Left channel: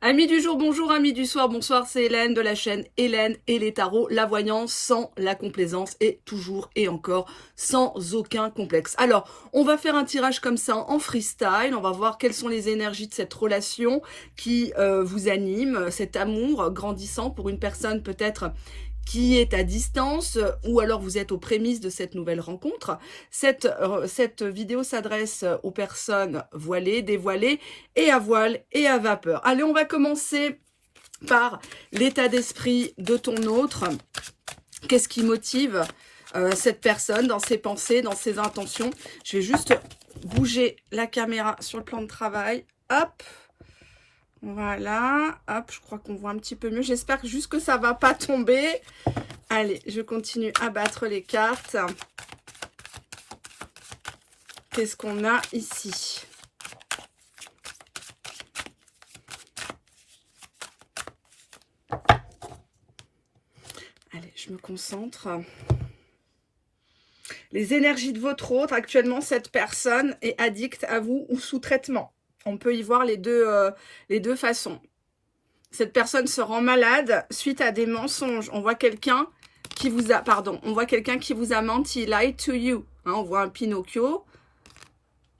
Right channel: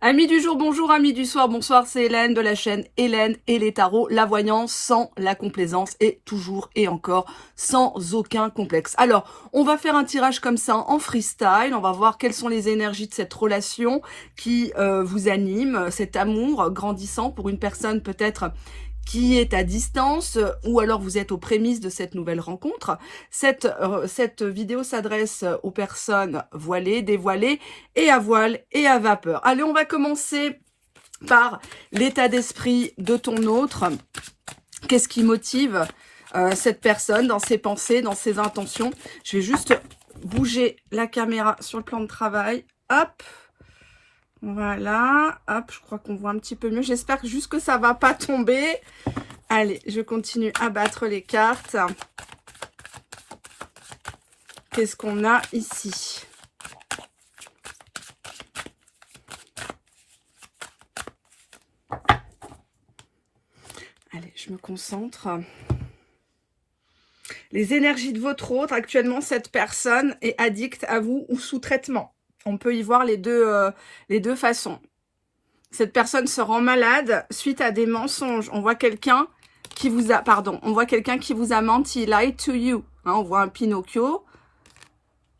Amis du jour, bonjour, amis du soir, bonsoir, c'est Hélène de la chaîne Hélène et les tarots, la voyance sans la complaisance et toujours et encore sans aucun complexe. Alors, on va faire un tirage comme ça en freestyle, on va voir quelles sont les énergies de cette relation qui vous anime, cet amour grandissant pour une personne peut-être qui est à distance ou alors vous êtes aux prémices de cette nouvelle rencontre. Cette vidéo s'adresse aux personnes voilées, dévoilées et à voile et à vapeur. Allez, on va commencer par l'état d'esprit de ton autre. Qu'est-ce qui motive cette personne dans ses pensées, dans ses intentions? Je vais juste bouger la caméra sur le plan de travail. Hop! Voilà, hop, je crois qu'on voit un petit peu mieux. J'espère juste que ça va pas tomber. Allez, je continue à battre les cartes. Qu'est-ce qu'on a ici? Allez, je me concentre. Les énergies de votre autre. Actuellement, cette personne est addicte à vous ou sous traitement. On peut y voir les deux façons. Cette personne se rend malade suite à des mensonges. On voit quelqu'un qui vous a, menti, lied to you. Hein, on voit un Pinocchio.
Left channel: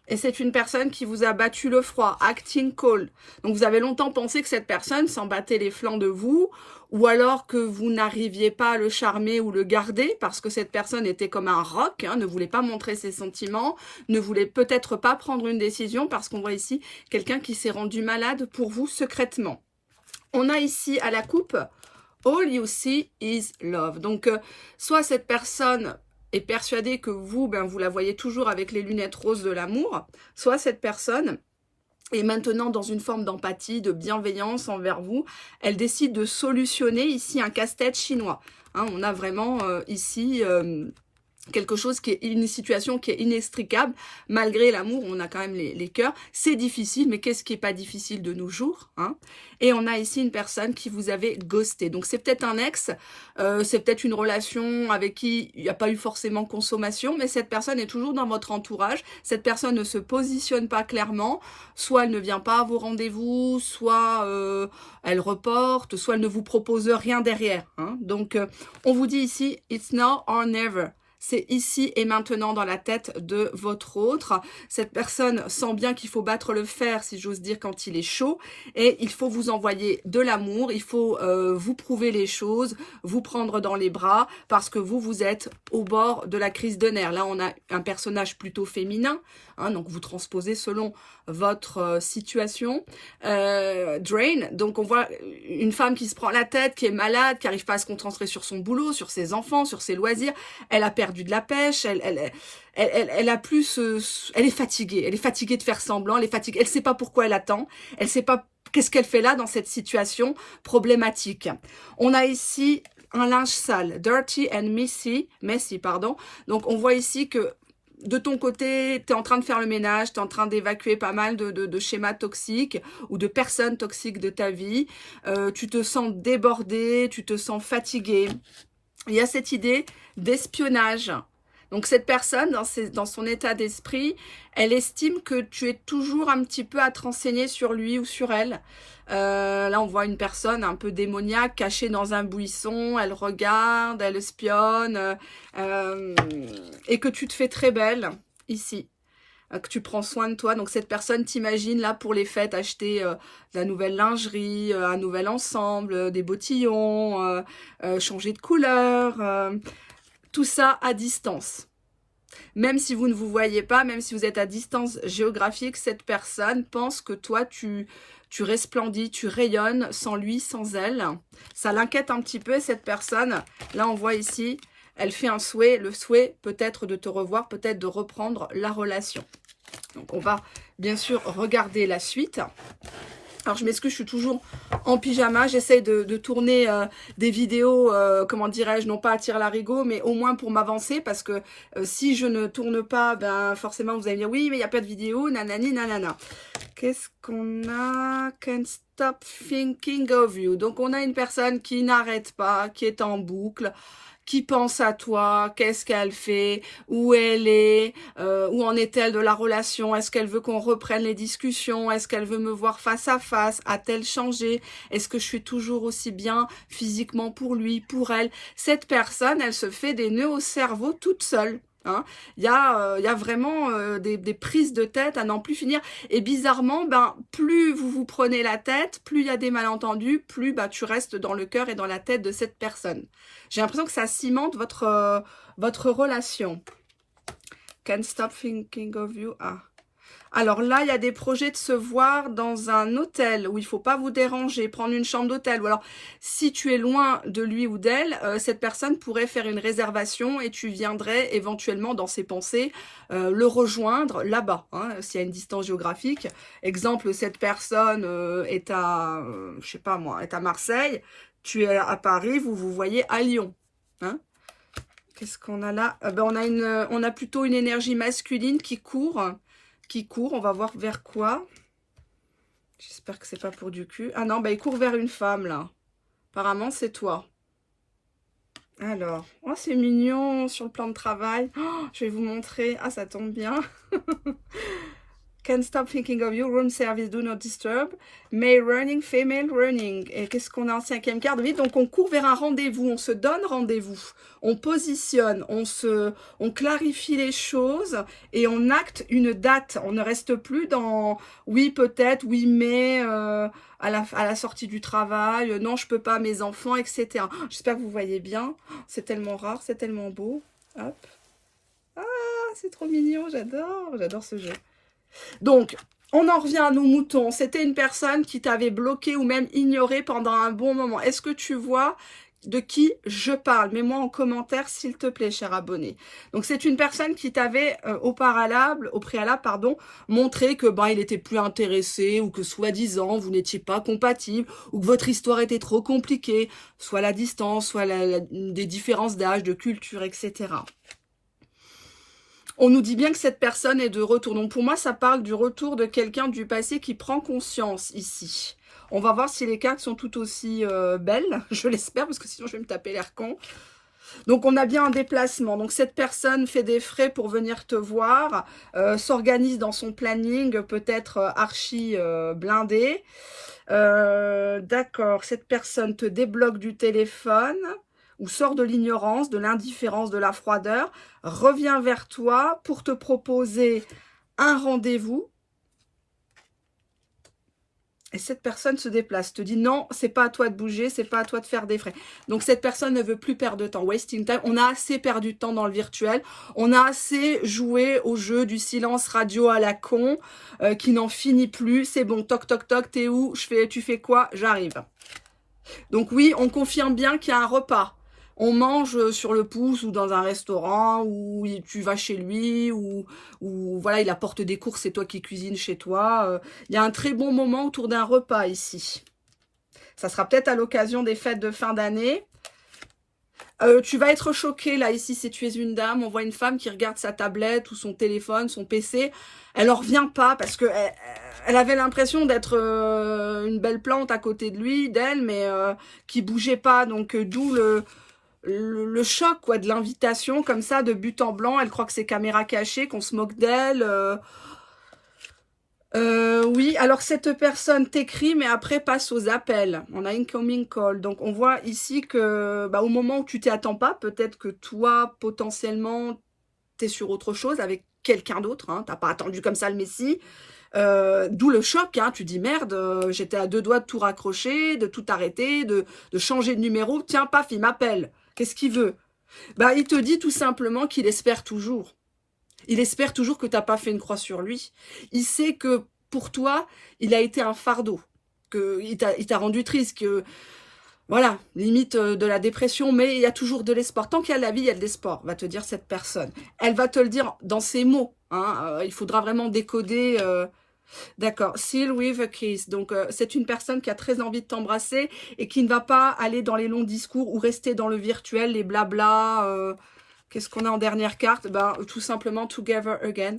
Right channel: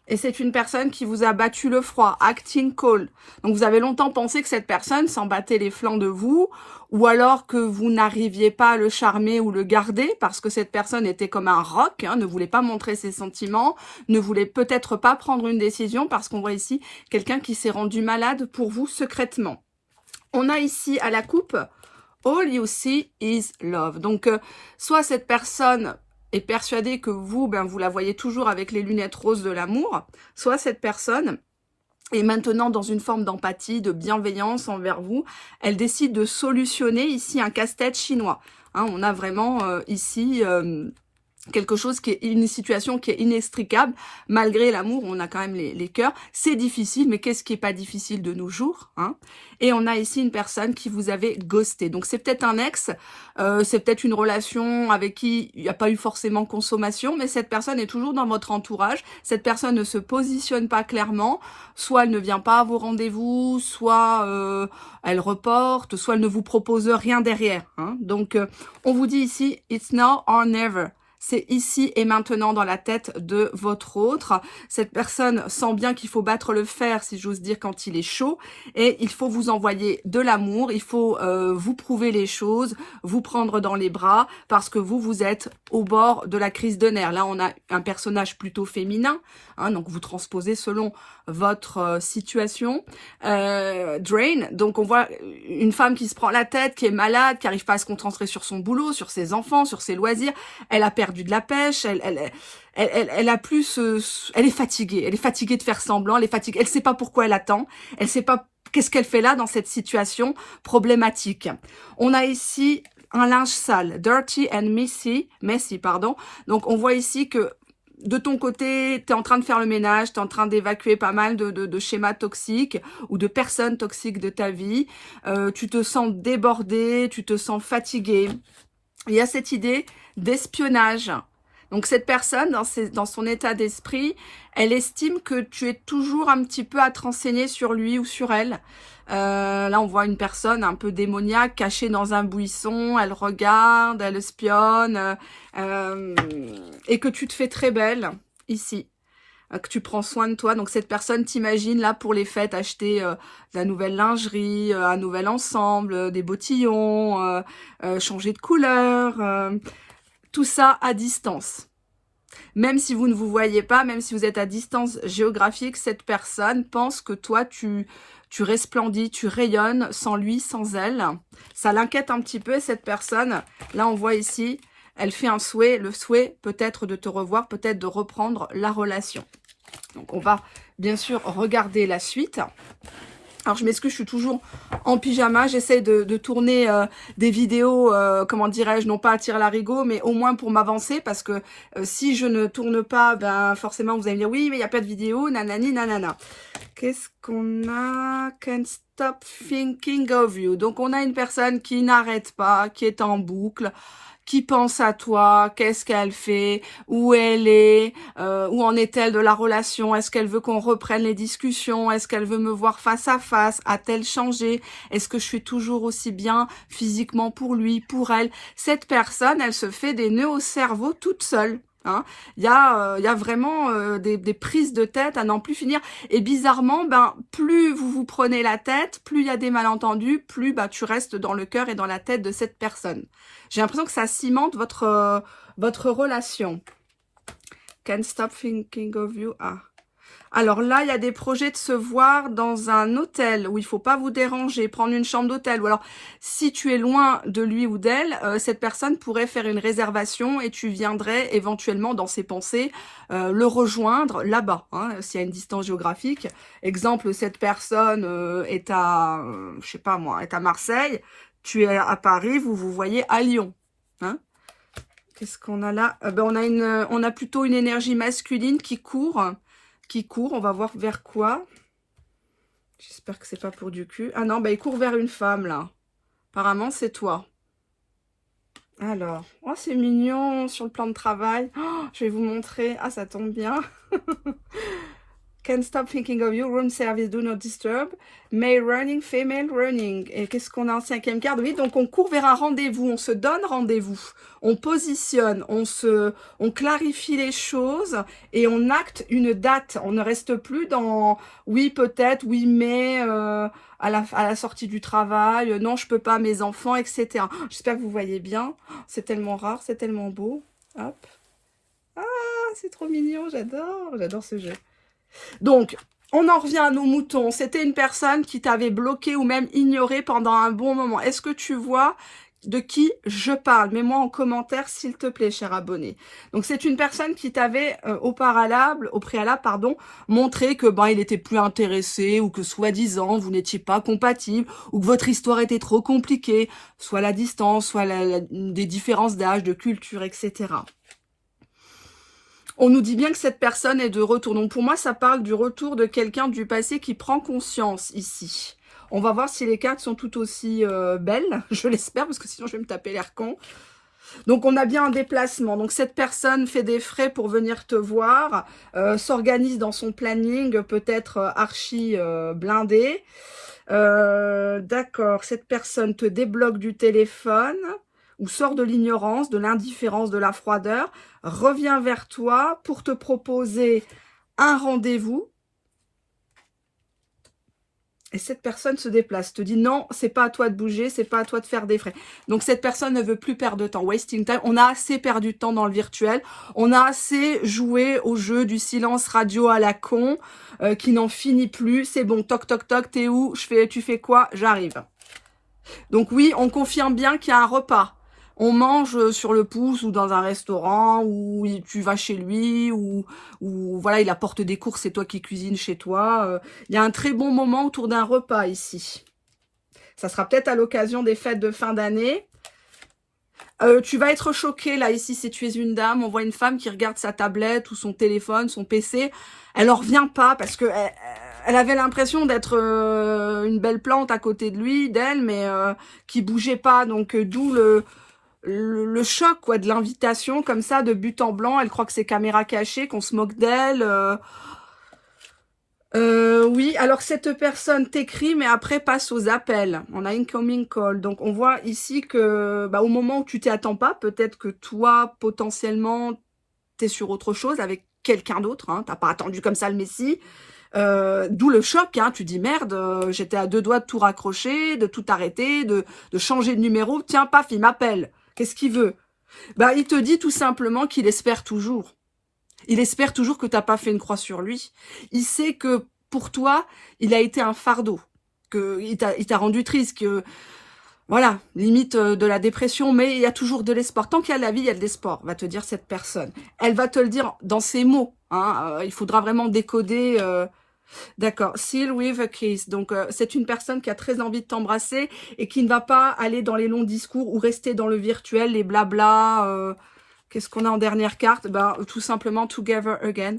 Et c'est une personne qui vous a battu le froid, acting cold. Donc vous avez longtemps pensé que cette personne s'en battait les flancs de vous, ou alors que vous n'arriviez pas à le charmer ou le garder, parce que cette personne était comme un roc, hein, ne voulait pas montrer ses sentiments, ne voulait peut-être pas prendre une décision, parce qu'on voit ici quelqu'un qui s'est rendu malade pour vous secrètement. On a ici à la coupe, all you see is love. Donc, soit cette personne est persuadée que vous, vous la voyez toujours avec les lunettes roses de l'amour, soit cette personne est maintenant dans une forme d'empathie, de bienveillance envers vous. Elle décide de solutionner ici un casse-tête chinois. Hein, on a vraiment ici quelque chose qui est une situation qui est inextricable. Malgré l'amour, on a quand même les cœurs. C'est difficile, mais qu'est-ce qui est pas difficile de nos jours, hein? Et on a ici une personne qui vous avait ghosté. Donc c'est peut-être un ex, c'est peut-être une relation avec qui il n'y a pas eu forcément consommation, mais cette personne est toujours dans votre entourage. Cette personne ne se positionne pas clairement. Soit elle ne vient pas à vos rendez-vous, soit elle reporte, soit elle ne vous propose rien derrière, hein? Donc on vous dit ici, it's now or never. C'est ici et maintenant dans la tête de votre autre. Cette personne sent bien qu'il faut battre le fer, si j'ose dire, quand il est chaud. Et il faut vous envoyer de l'amour. Il faut vous prouver les choses, vous prendre dans les bras, parce que vous êtes au bord de la crise de nerfs. Là, on a un personnage plutôt féminin. Hein, donc, vous transposez selon votre situation. Drain, donc on voit une femme qui se prend la tête, qui est malade, qui n'arrive pas à se concentrer sur son boulot, sur ses enfants, sur ses loisirs. Elle a perdu de la pêche, elle a plus, elle est fatiguée de faire semblant, elle est fatiguée, elle sait pas pourquoi elle attend, elle sait pas qu'est-ce qu'elle fait là dans cette situation problématique. On a ici un linge sale, dirty and messy, pardon. Donc on voit ici que de ton côté, tu es en train de faire le ménage, tu es en train d'évacuer pas mal de schémas toxiques ou de personnes toxiques de ta vie. Tu te sens débordé, tu te sens fatigué. Il y a cette idée d'espionnage. Donc cette personne, dans son état d'esprit, elle estime que tu es toujours un petit peu à te renseigner sur lui ou sur elle. Là, on voit une personne un peu démoniaque, cachée dans un buisson, elle regarde, elle espionne, et que tu te fais très belle, ici, que tu prends soin de toi. Donc cette personne t'imagine là pour les fêtes acheter de la nouvelle lingerie, un nouvel ensemble, des bottillons, changer de couleur, tout ça à distance. Même si vous ne vous voyez pas, même si vous êtes à distance géographique, cette personne pense que toi, tu resplendis, tu rayonnes sans lui, sans elle. Ça l'inquiète un petit peu, cette personne. Là, on voit ici, elle fait un souhait. Le souhait peut-être de te revoir, peut-être de reprendre la relation. Donc, on va bien sûr regarder la suite. Alors, je m'excuse, je suis toujours en pyjama. J'essaie de tourner des vidéos, comment dirais-je, non pas à tire-larigot, mais au moins pour m'avancer. Parce que si je ne tourne pas, ben forcément, vous allez me dire, oui, mais il n'y a pas de vidéo, nanani, nanana. Qu'est-ce qu'on a? Can't stop thinking of you. Donc, on a une personne qui n'arrête pas, qui est en boucle, qui pense à toi, qu'est-ce qu'elle fait, où elle est, où en est-elle de la relation, est-ce qu'elle veut qu'on reprenne les discussions, est-ce qu'elle veut me voir face à face, a-t-elle changé, est-ce que je suis toujours aussi bien physiquement pour lui, pour elle. Cette personne, elle se fait des nœuds au cerveau toute seule. Hein. Il y a vraiment des prises de tête à n'en plus finir. Et bizarrement, ben, plus vous vous prenez la tête, plus il y a des malentendus, plus bah, tu restes dans le cœur et dans la tête de cette personne. J'ai l'impression que ça cimente votre relation. Can't stop thinking of you. Ah. Alors là, il y a des projets de se voir dans un hôtel où il ne faut pas vous déranger, prendre une chambre d'hôtel. Ou alors, si tu es loin de lui ou d'elle, cette personne pourrait faire une réservation et tu viendrais éventuellement dans ses pensées le rejoindre là-bas, hein, s'il y a une distance géographique. Exemple, cette personne est à, je sais pas moi, est à Marseille, tu es à Paris, vous vous voyez à Lyon. Hein. Qu'est-ce qu'on a là? On a plutôt une énergie masculine qui court. On va voir vers quoi. J'espère que c'est pas pour du cul. Ah non, bah il court vers une femme là. Apparemment c'est toi. Alors, oh c'est mignon sur le plan de travail. Oh, je vais vous montrer. Ah ça tombe bien. Can't stop thinking of you, room service, do not disturb. Male running, female running. Et qu'est-ce qu'on a en 5e carte? Oui, donc on court vers un rendez-vous, on se donne rendez-vous. On positionne, on clarifie les choses et on acte une date. On ne reste plus dans oui peut-être, oui mais à la sortie du travail, non je peux pas, mes enfants, etc. J'espère que vous voyez bien. C'est tellement rare, c'est tellement beau. Hop. Ah, c'est trop mignon, j'adore ce jeu. Donc, on en revient à nos moutons. C'était une personne qui t'avait bloqué ou même ignoré pendant un bon moment. Est-ce que tu vois de qui je parle? Mets-moi en commentaire, s'il te plaît, cher abonné. Donc, c'est une personne qui t'avait au préalable, montré que il était plus intéressé ou que soi-disant, vous n'étiez pas compatible ou que votre histoire était trop compliquée, soit la distance, soit des différences d'âge, de culture, etc. On nous dit bien que cette personne est de retour. Donc pour moi, ça parle du retour de quelqu'un du passé qui prend conscience ici. On va voir si les cartes sont tout aussi belles. Je l'espère, parce que sinon je vais me taper l'air con. Donc on a bien un déplacement. Donc cette personne fait des frais pour venir te voir, s'organise dans son planning, peut-être archi blindé. D'accord, cette personne te débloque du téléphone ou sort de l'ignorance, de l'indifférence, de la froideur, revient vers toi pour te proposer un rendez-vous. Et cette personne se déplace, te dit non, c'est pas à toi de bouger, c'est pas à toi de faire des frais. Donc cette personne ne veut plus perdre de temps, wasting time. On a assez perdu de temps dans le virtuel, on a assez joué au jeu du silence radio à la con, qui n'en finit plus. C'est bon, toc toc toc, t'es où? Tu fais quoi? J'arrive. Donc oui, on confirme bien qu'il y a un repas. On mange sur le pouce ou dans un restaurant, ou tu vas chez lui, ou voilà, il apporte des courses, c'est toi qui cuisines chez toi. Il y a un très bon moment autour d'un repas ici. Ça sera peut-être à l'occasion des fêtes de fin d'année. Tu vas être choqué là ici si tu es une dame. On voit une femme qui regarde sa tablette ou son téléphone, son PC. Elle n'en revient pas parce que elle avait l'impression d'être une belle plante à côté de lui, d'elle, mais qui bougeait pas. Donc d'où le choc quoi, de l'invitation comme ça de but en blanc. Elle croit que c'est caméra cachée, qu'on se moque d'elle. Oui, alors cette personne t'écrit, mais après passe aux appels. On a incoming call. Donc on voit ici que au moment où tu t'y attends pas, peut-être que toi, potentiellement, t'es sur autre chose avec quelqu'un d'autre. Hein, t'as pas attendu comme ça le Messie. D'où le choc, hein, tu dis merde, j'étais à 2 doigts de tout raccrocher, de tout arrêter, de changer de numéro. Tiens, paf, il m'appelle. Qu'est-ce qu'il veut? Il te dit tout simplement qu'il espère toujours. Il espère toujours que tu n'as pas fait une croix sur lui. Il sait que pour toi, il a été un fardeau, qu'il t'a rendu triste, que voilà, limite de la dépression, mais il y a toujours de l'espoir. Tant qu'il y a de la vie, il y a de l'espoir, va te dire cette personne. Elle va te le dire dans ses mots. Hein, il faudra vraiment décoder. D'accord, seal with a kiss. Donc, c'est une personne qui a très envie de t'embrasser et qui ne va pas aller dans les longs discours ou rester dans le virtuel, les blabla. Qu'est-ce qu'on a en dernière carte? Tout simplement, together again.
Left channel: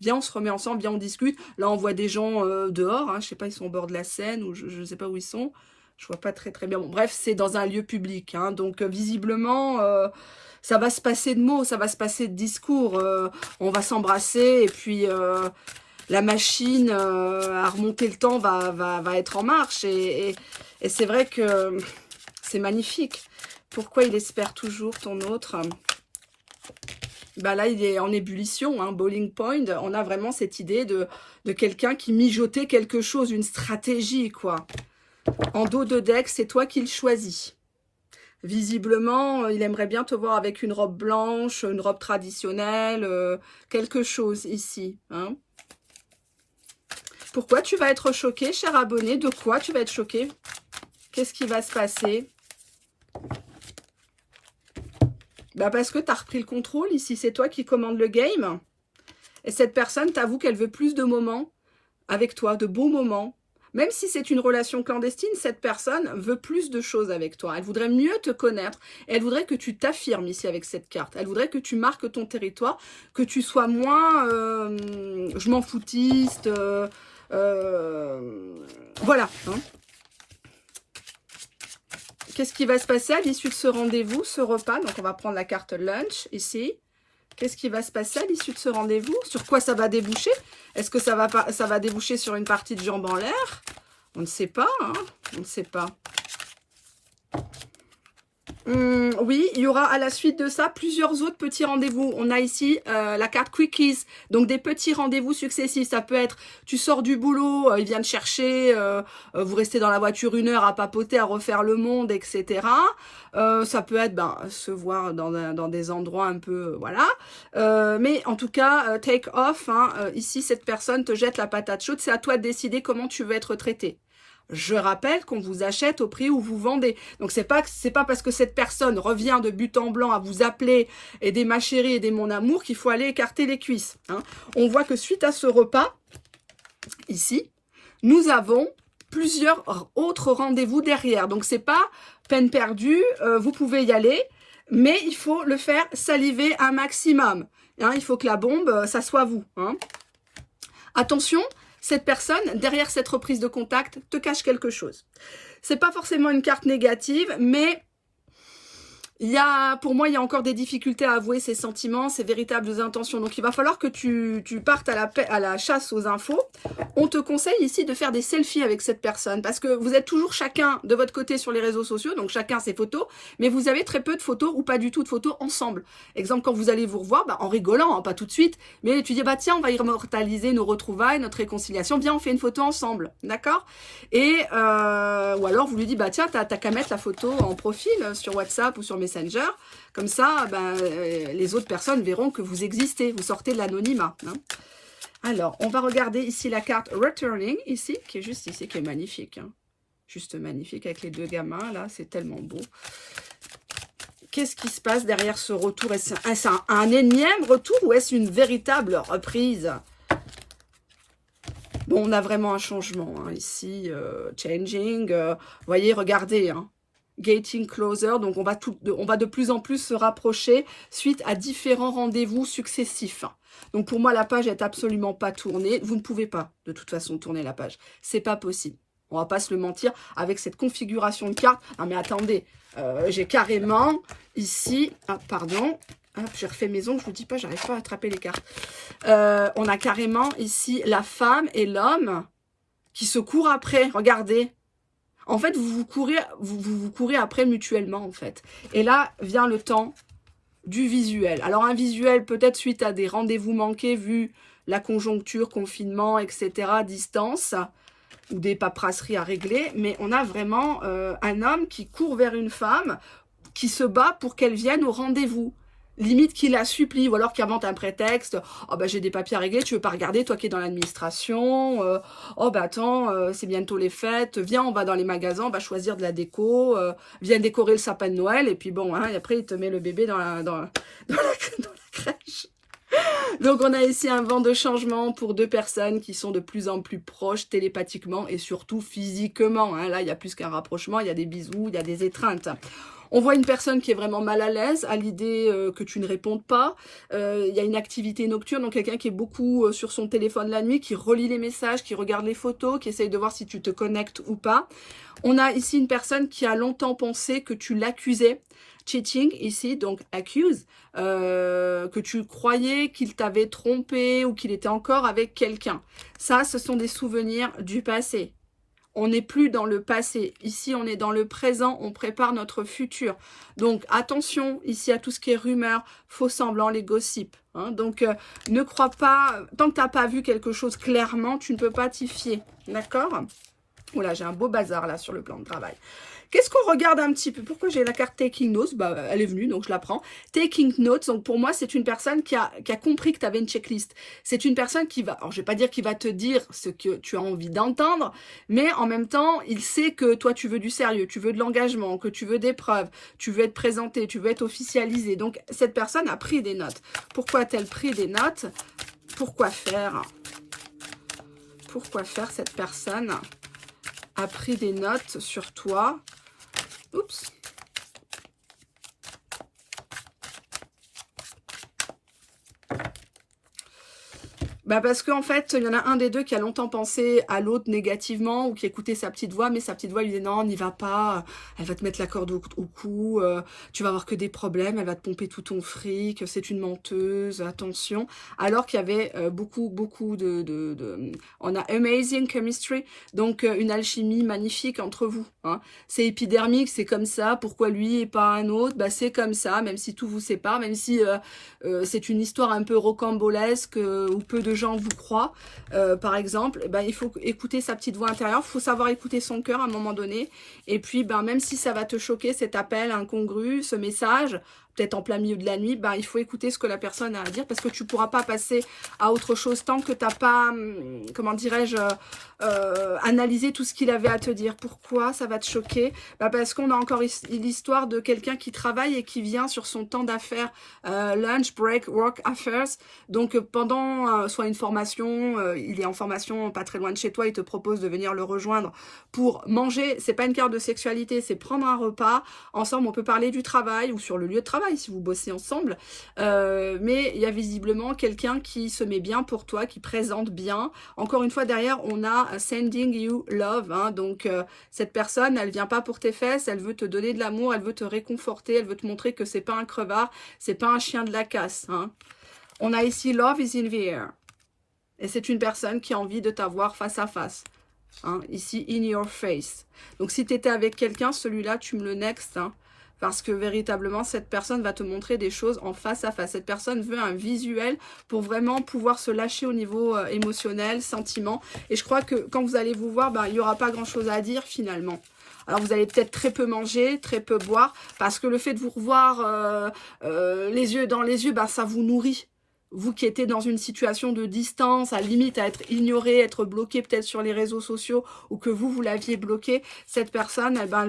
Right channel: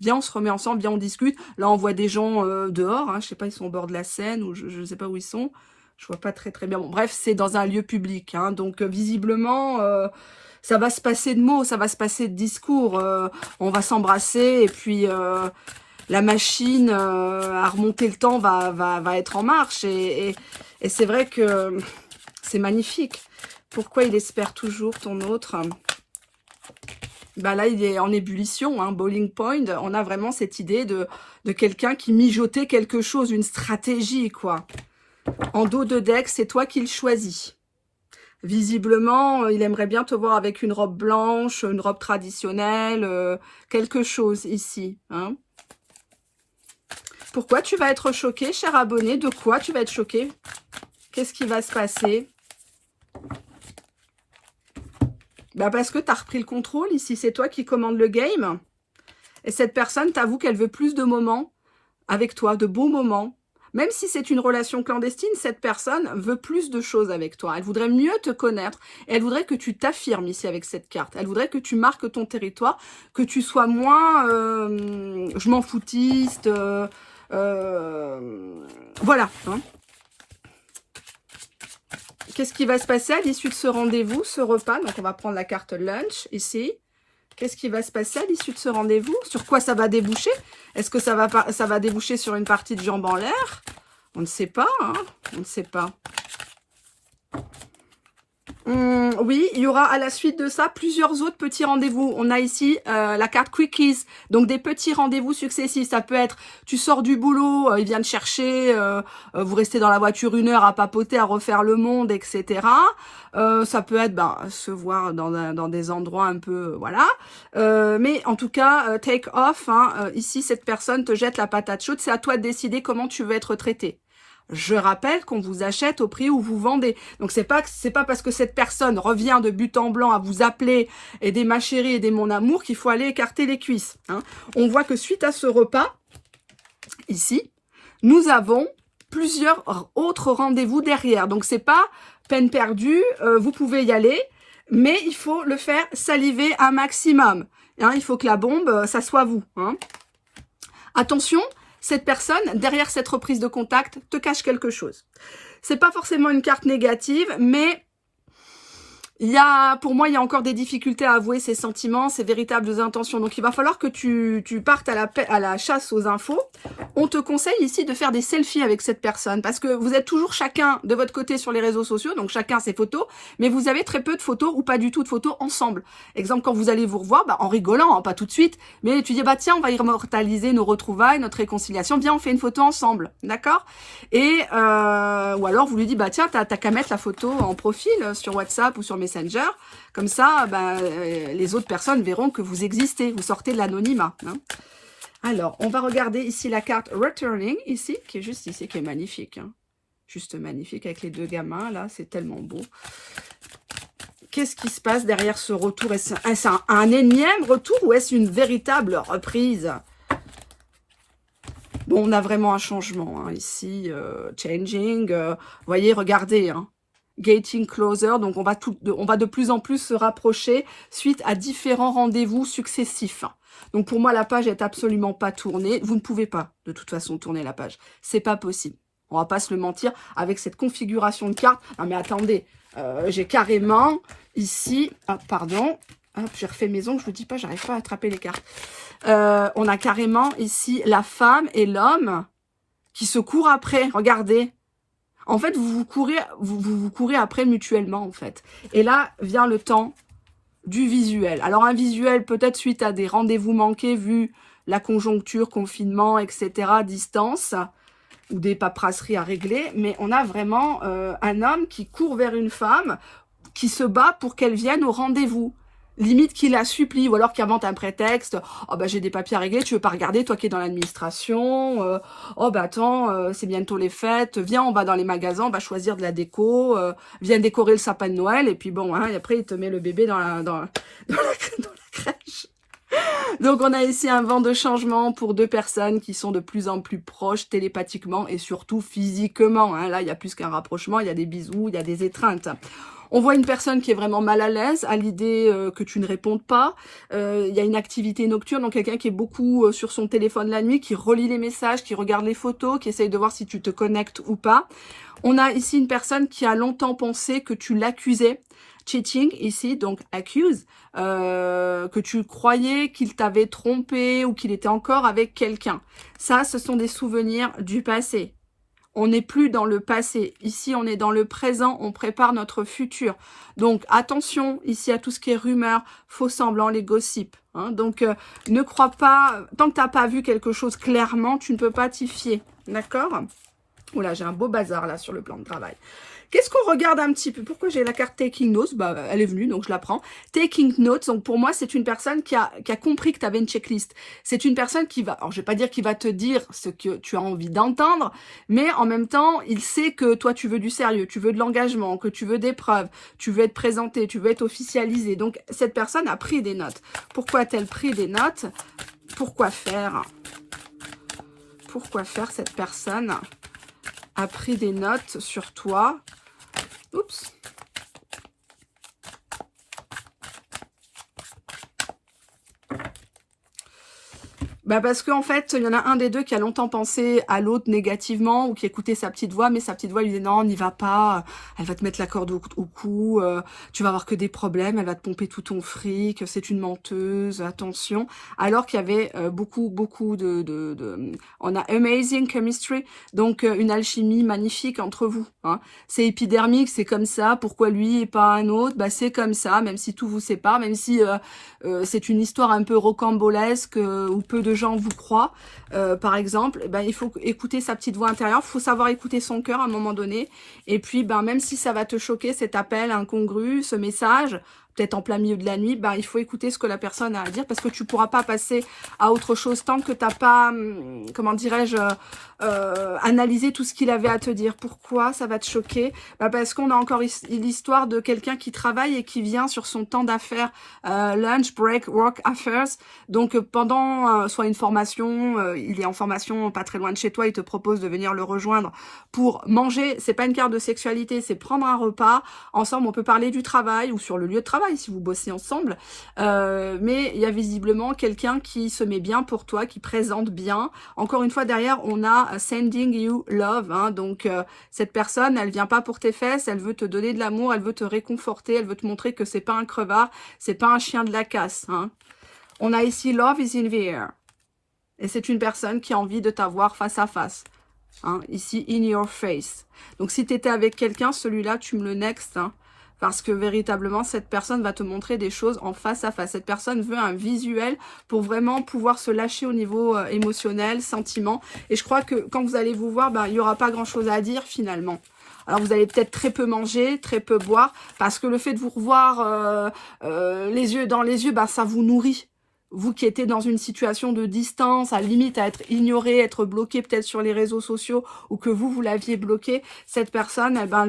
Viens, on se remet ensemble, viens, on discute. Là, on voit des gens dehors, hein, je sais pas, ils sont au bord de la Seine, ou je sais pas où ils sont. Je vois pas très bien. Bon, bref, c'est dans un lieu public, hein, donc visiblement, ça va se passer de mots, ça va se passer de discours. On va s'embrasser, et puis la machine à remonter le temps va être en marche. Et c'est vrai que c'est magnifique. Pourquoi il espère toujours ton autre? Bah là, il est en ébullition, hein, Bowling Point. On a vraiment cette idée de quelqu'un qui mijotait quelque chose, une stratégie, quoi. En dos de deck, c'est toi qui le choisis. Visiblement, il aimerait bien te voir avec une robe blanche, une robe traditionnelle, quelque chose ici. Hein. Pourquoi tu vas être choqué, cher abonné? De quoi tu vas être choqué? Qu'est-ce qui va se passer? Bah parce que tu as repris le contrôle ici, c'est toi qui commandes le game. Et cette personne t'avoue qu'elle veut plus de moments avec toi, de beaux moments. Même si c'est une relation clandestine, cette personne veut plus de choses avec toi. Elle voudrait mieux te connaître. Et elle voudrait que tu t'affirmes ici avec cette carte. Elle voudrait que tu marques ton territoire, que tu sois moins je m'en foutiste. Voilà. Hein. Qu'est-ce qui va se passer à l'issue de ce rendez-vous, ce repas? Donc, on va prendre la carte lunch ici. Qu'est-ce qui va se passer à l'issue de ce rendez-vous? Sur quoi ça va déboucher? Est-ce que ça va déboucher sur une partie de jambes en l'air? On ne sait pas, hein. On ne sait pas. Oui, il y aura à la suite de ça plusieurs autres petits rendez-vous. On a ici la carte Quickies, donc des petits rendez-vous successifs. Ça peut être, tu sors du boulot, il vient te chercher, vous restez dans la voiture 1 heure à papoter, à refaire le monde, etc. Ça peut être se voir dans des endroits un peu, voilà. Mais en tout cas, take off. Hein, ici, cette personne te jette la patate chaude. C'est à toi de décider comment tu veux être traité. Je rappelle qu'on vous achète au prix où vous vendez. Donc c'est pas parce que cette personne revient de but en blanc à vous appeler aider ma chérie, aider mon amour qu'il faut aller écarter les cuisses. Hein. On voit que suite à ce repas, ici, nous avons plusieurs autres rendez-vous derrière. Donc c'est pas peine perdue, vous pouvez y aller, mais il faut le faire saliver un maximum. Hein, il faut que la bombe, ça soit vous. Hein. Attention, cette personne, derrière cette reprise de contact, te cache quelque chose. C'est pas forcément une carte négative, mais pour moi, il y a encore des difficultés à avouer ses sentiments, ses véritables intentions. Donc, il va falloir que tu partes à la chasse aux infos. On te conseille ici de faire des selfies avec cette personne parce que vous êtes toujours chacun de votre côté sur les réseaux sociaux, donc chacun ses photos, mais vous avez très peu de photos ou pas du tout de photos ensemble. Exemple, quand vous allez vous revoir, en rigolant, hein, pas tout de suite, mais tu dis, tiens, on va immortaliser nos retrouvailles, notre réconciliation, viens, on fait une photo ensemble, d'accord? Et, ou alors vous lui dites, tiens, t'as qu'à mettre la photo en profil sur WhatsApp ou sur Messenger, comme ça, les autres personnes verront que vous existez, vous sortez de l'anonymat. Hein. Alors, on va regarder ici la carte Returning, ici, qui est juste ici, qui est magnifique. Hein. Juste magnifique, avec les deux gamins, là, c'est tellement beau. Qu'est-ce qui se passe derrière ce retour? Est-ce un énième retour ou est-ce une véritable reprise? Bon, on a vraiment un changement, hein, ici, changing, vous voyez, regardez, hein. Getting closer, donc on va de plus en plus se rapprocher suite à différents rendez-vous successifs. Donc pour moi, la page est absolument pas tournée. Vous ne pouvez pas, de toute façon, tourner la page. C'est pas possible. On va pas se le mentir avec cette configuration de carte. Non mais attendez, j'ai carrément ici, pardon, j'ai refait mes ongles, je vous dis pas, j'arrive pas à attraper les cartes. On a carrément ici la femme et l'homme qui se courent après. Regardez. En fait, vous courez après mutuellement, en fait. Et là, vient le temps du visuel. Alors, un visuel, peut-être suite à des rendez-vous manqués, vu la conjoncture, confinement, etc., distance, ou des paperasseries à régler. Mais on a vraiment un homme qui court vers une femme, qui se bat pour qu'elle vienne au rendez-vous. Limite qu'il la supplie, ou alors qu'il invente un prétexte. Oh j'ai des papiers à régler, tu veux pas regarder, toi qui es dans l'administration. Attends, c'est bientôt les fêtes. Viens, on va dans les magasins, on va choisir de la déco. Viens décorer le sapin de Noël. Et puis bon, hein, et après il te met le bébé dans la crèche. Donc on a ici un vent de changement pour deux personnes qui sont de plus en plus proches télépathiquement et surtout physiquement. Hein. Là, il y a plus qu'un rapprochement, il y a des bisous, il y a des étreintes. On voit une personne qui est vraiment mal à l'aise à l'idée que tu ne répondes pas. Il y a une activité nocturne, donc quelqu'un qui est beaucoup sur son téléphone la nuit, qui relit les messages, qui regarde les photos, qui essaye de voir si tu te connectes ou pas. On a ici une personne qui a longtemps pensé que tu l'accusais. Cheating ici, donc accuse, que tu croyais qu'il t'avait trompé ou qu'il était encore avec quelqu'un. Ça, ce sont des souvenirs du passé. On n'est plus dans le passé. Ici, on est dans le présent. On prépare notre futur. Donc, attention ici à tout ce qui est rumeur, faux semblants, les gossips. Hein. Donc, ne crois pas... Tant que tu n'as pas vu quelque chose clairement, tu ne peux pas t'y fier. D'accord? Oula, j'ai un beau bazar là sur le plan de travail. Qu'est-ce qu'on regarde un petit peu? Pourquoi j'ai la carte Taking Notes? Bah, elle est venue, donc je la prends. Taking Notes, donc pour moi, c'est une personne qui a compris que tu avais une checklist. C'est une personne qui va, alors je vais pas dire qu'il va te dire ce que tu as envie d'entendre, mais en même temps, il sait que toi, tu veux du sérieux, tu veux de l'engagement, que tu veux des preuves, tu veux être présenté, tu veux être officialisé. Donc, cette personne a pris des notes. Pourquoi a-t-elle pris des notes? Pourquoi faire? Pourquoi faire cette personne a pris des notes sur toi? Oups. Bah parce qu'en fait, il y en a un des deux qui a longtemps pensé à l'autre négativement ou qui écoutait sa petite voix, mais sa petite voix lui disait non, n'y va pas, elle va te mettre la corde au cou, tu vas avoir que des problèmes, elle va te pomper tout ton fric, c'est une menteuse, attention. Alors qu'il y avait beaucoup on a amazing chemistry, donc une alchimie magnifique entre vous. Hein. C'est épidermique, c'est comme ça, pourquoi lui et pas un autre? Bah c'est comme ça, même si tout vous sépare, même si c'est une histoire un peu rocambolesque où peu de gens vous croient, par exemple, eh ben, il faut écouter sa petite voix intérieure, il faut savoir écouter son cœur à un moment donné, et puis ben, même si ça va te choquer, cet appel incongru, ce message, peut-être en plein milieu de la nuit, ben, il faut écouter ce que la personne a à dire, parce que tu ne pourras pas passer à autre chose tant que tu n'as pas, comment dirais-je, analysé tout ce qu'il avait à te dire. Pourquoi ça va te choquer? Ben, parce qu'on a encore l'histoire de quelqu'un qui travaille et qui vient sur son temps d'affaires, lunch, break, work, affairs, donc pendant soit une formation, il est en formation pas très loin de chez toi, il te propose de venir le rejoindre pour manger, c'est pas une carte de sexualité, c'est prendre un repas, ensemble on peut parler du travail ou sur le lieu de travail si vous bossez ensemble, mais il y a visiblement quelqu'un qui se met bien pour toi, qui présente bien. Encore une fois derrière on a sending you love, hein, donc cette personne elle vient pas pour tes fesses, elle veut te donner de l'amour, elle veut te réconforter, elle veut te montrer que c'est pas un crevard, c'est pas un chien de la casse, hein. On a ici love is in the air, et c'est une personne qui a envie de t'avoir face à face. Hein, ici, in your face. Donc, si tu étais avec quelqu'un, celui-là, tu me le next. Hein, parce que véritablement, cette personne va te montrer des choses en face à face. Cette personne veut un visuel pour vraiment pouvoir se lâcher au niveau émotionnel, sentiment. Et je crois que quand vous allez vous voir, ben, il n'y aura pas grand-chose à dire finalement. Alors, vous allez peut-être très peu manger, très peu boire, parce que le fait de vous revoir les yeux dans les yeux, ben, ça vous nourrit. Vous qui étiez dans une situation de distance, à limite à être ignoré, être bloqué peut-être sur les réseaux sociaux, ou que vous l'aviez bloqué, cette personne, eh ben,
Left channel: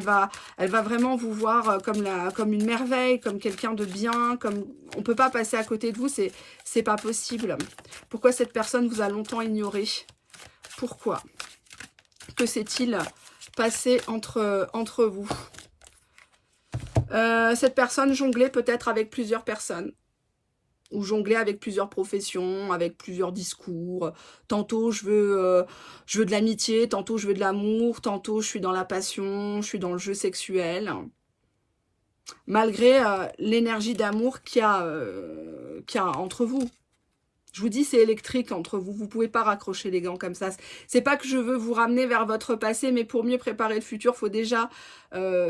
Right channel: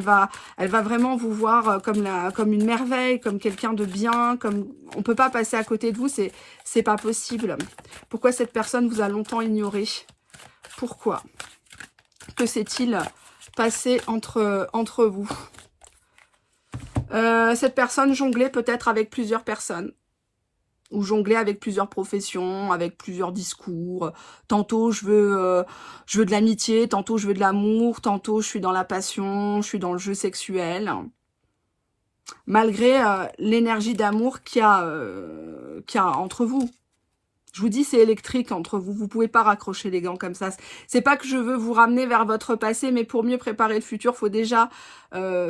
elle va vraiment vous voir comme une merveille, comme quelqu'un de bien, comme on peut pas passer à côté de vous, c'est pas possible. Pourquoi cette personne vous a longtemps ignoré? Pourquoi? Que s'est-il passé entre vous? Cette personne jonglait peut-être avec plusieurs personnes, ou jongler avec plusieurs professions, avec plusieurs discours. Tantôt je veux de l'amitié, tantôt je veux de l'amour, tantôt je suis dans la passion, je suis dans le jeu sexuel. Malgré l'énergie d'amour qu'il y a entre vous. Je vous dis, c'est électrique entre vous. Vous ne pouvez pas raccrocher les gants comme ça. C'est pas que je veux vous ramener vers votre passé, mais pour mieux préparer le futur, il faut déjà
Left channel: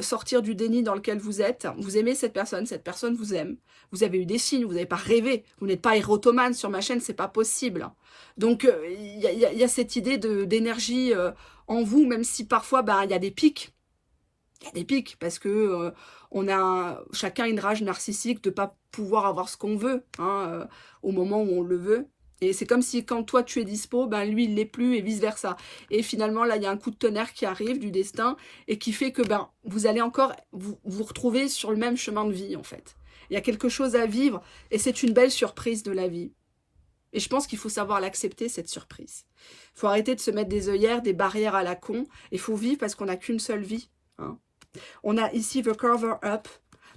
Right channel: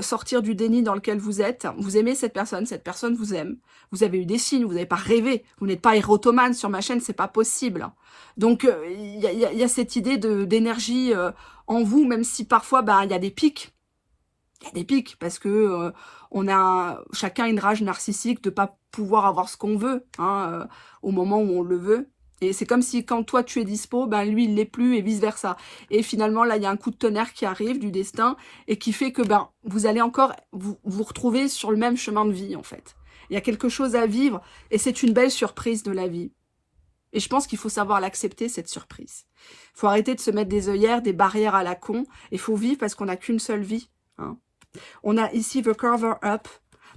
sortir du déni dans lequel vous êtes. Vous aimez cette personne vous aime. Vous avez eu des signes, vous n'avez pas rêvé. Vous n'êtes pas érotomane sur ma chaîne, c'est pas possible. Donc, il y a cette idée d'énergie en vous, même si parfois, il y a des pics. Il y a des pics, parce que on a chacun une rage narcissique de ne pas pouvoir avoir ce qu'on veut, hein, au moment où on le veut. Et c'est comme si quand toi tu es dispo, lui il l'est plus et vice versa. Et finalement là il y a un coup de tonnerre qui arrive du destin et qui fait que vous allez encore vous retrouver sur le même chemin de vie en fait. Il y a quelque chose à vivre et c'est une belle surprise de la vie. Et je pense qu'il faut savoir l'accepter, cette surprise. Il faut arrêter de se mettre des œillères, des barrières à la con. Il faut vivre parce qu'on n'a qu'une seule vie. Hein. On a ici the cover up.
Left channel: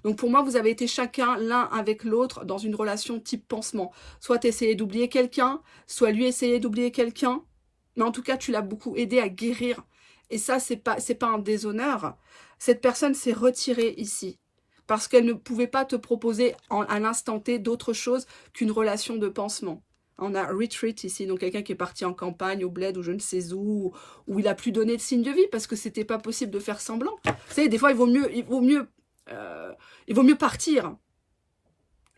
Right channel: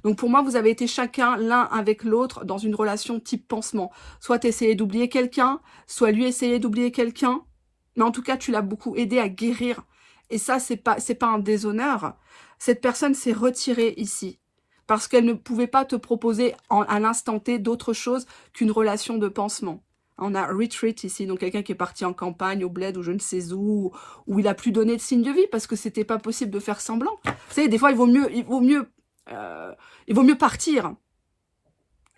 Donc pour moi, vous avez été chacun l'un avec l'autre dans une relation type pansement. Soit tu essayais d'oublier quelqu'un, soit lui essayait d'oublier quelqu'un. Mais en tout cas, tu l'as beaucoup aidé à guérir. Et ça, c'est pas un déshonneur. Cette personne s'est retirée ici. Parce qu'elle ne pouvait pas te proposer à l'instant T d'autre chose qu'une relation de pansement. On a retreat ici, donc quelqu'un qui est parti en campagne, au bled, ou je ne sais où il a plus donné de signe de vie parce que c'était pas possible de faire semblant. Vous savez, des fois, il vaut mieux partir.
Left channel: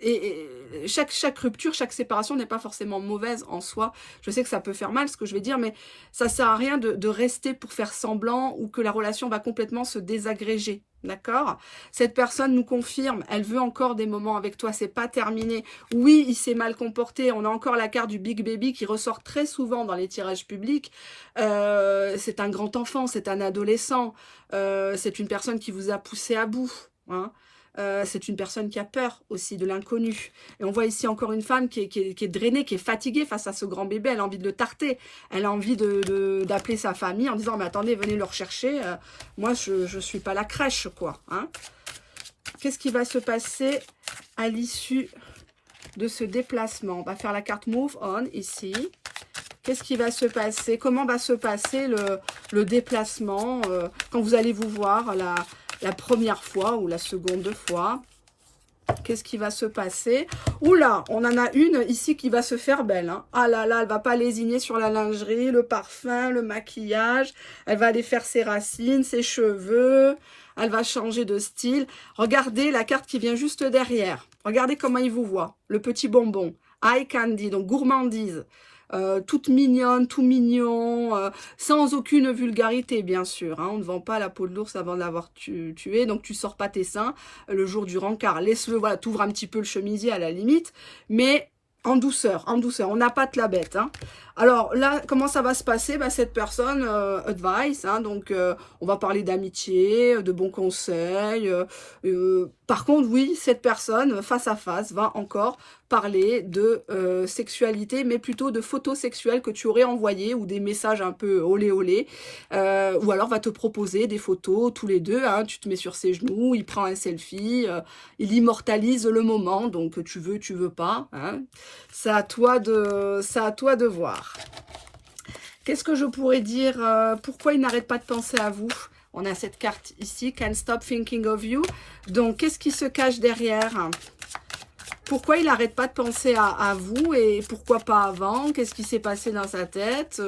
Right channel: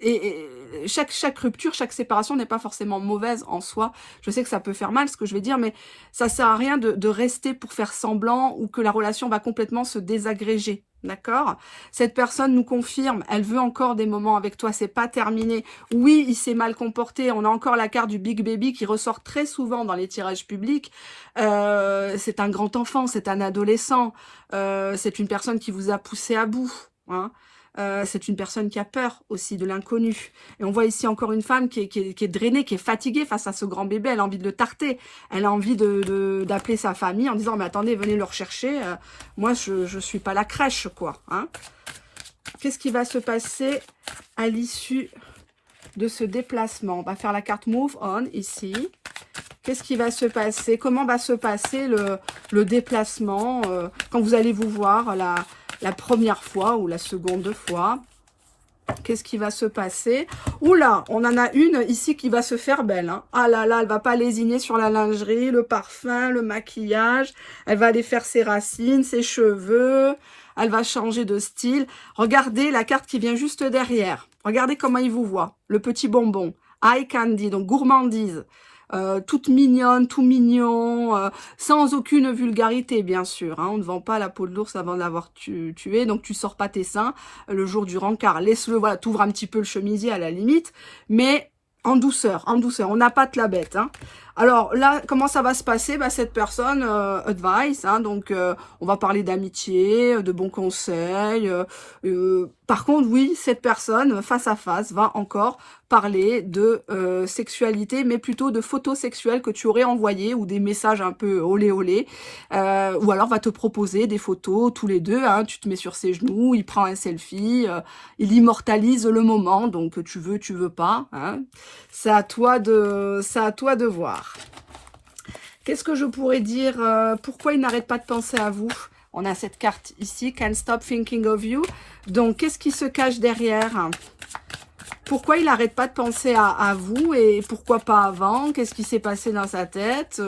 Et chaque rupture, chaque séparation n'est pas forcément mauvaise en soi. Je sais que ça peut faire mal ce que je vais dire, mais ça sert à rien de rester pour faire semblant ou que la relation va complètement se désagréger. D'accord? Cette personne nous confirme, elle veut encore des moments avec toi, c'est pas terminé. Oui, il s'est mal comporté, on a encore la carte du Big Baby qui ressort très souvent dans les tirages publics. C'est un grand enfant, c'est un adolescent, c'est une personne qui vous a poussé à bout. Hein. C'est une personne qui a peur aussi de l'inconnu. Et on voit ici encore une femme qui est drainée, qui est fatiguée face à ce grand bébé. Elle a envie de le tarter. Elle a envie d'appeler sa famille en disant « Mais attendez, venez le rechercher. Moi, je suis pas la crèche, quoi. Hein » Qu'est-ce qui va se passer à l'issue de ce déplacement? On va faire la carte Move On ici. Qu'est-ce qui va se passer? Comment va se passer le déplacement quand vous allez vous voir la première fois ou la seconde fois? Qu'est-ce qui va se passer? Oula, on en a une ici qui va se faire belle. Hein. Ah là là, elle va pas lésigner sur la lingerie, le parfum, le maquillage. Elle va aller faire ses racines, ses cheveux. Elle va changer de style. Regardez la carte qui vient juste derrière. Regardez comment il vous voit. Le petit bonbon. Eye candy, donc gourmandise. Toute mignonne, tout mignon, sans aucune vulgarité bien sûr. Hein. On ne vend pas la peau de l'ours avant de l'avoir tué, donc tu sors pas tes seins le jour du rencard. Laisse-le, voilà, t'ouvres un petit peu le chemisier à la limite, mais en douceur, en douceur. On n'a pas de la bête. Hein. Alors là, comment ça va se passer? Bah, cette personne, advice, hein, donc on va parler d'amitié, de bons conseils. Par contre, oui, cette personne, face à face, va encore parler de sexualité, mais plutôt de photos sexuelles que tu aurais envoyées ou des messages un peu olé olé. Ou alors va te proposer des photos tous les deux. Hein, tu te mets sur ses genoux, il prend un selfie, il immortalise le moment. Donc tu veux pas. Hein, c'est à toi de voir. Qu'est-ce que je pourrais dire? Pourquoi il n'arrête pas de penser à vous? On a cette carte ici, Can't Stop Thinking of You. Donc, qu'est-ce qui se cache derrière? Pourquoi il n'arrête pas de penser à vous et pourquoi pas avant? Qu'est-ce qui s'est passé dans sa tête?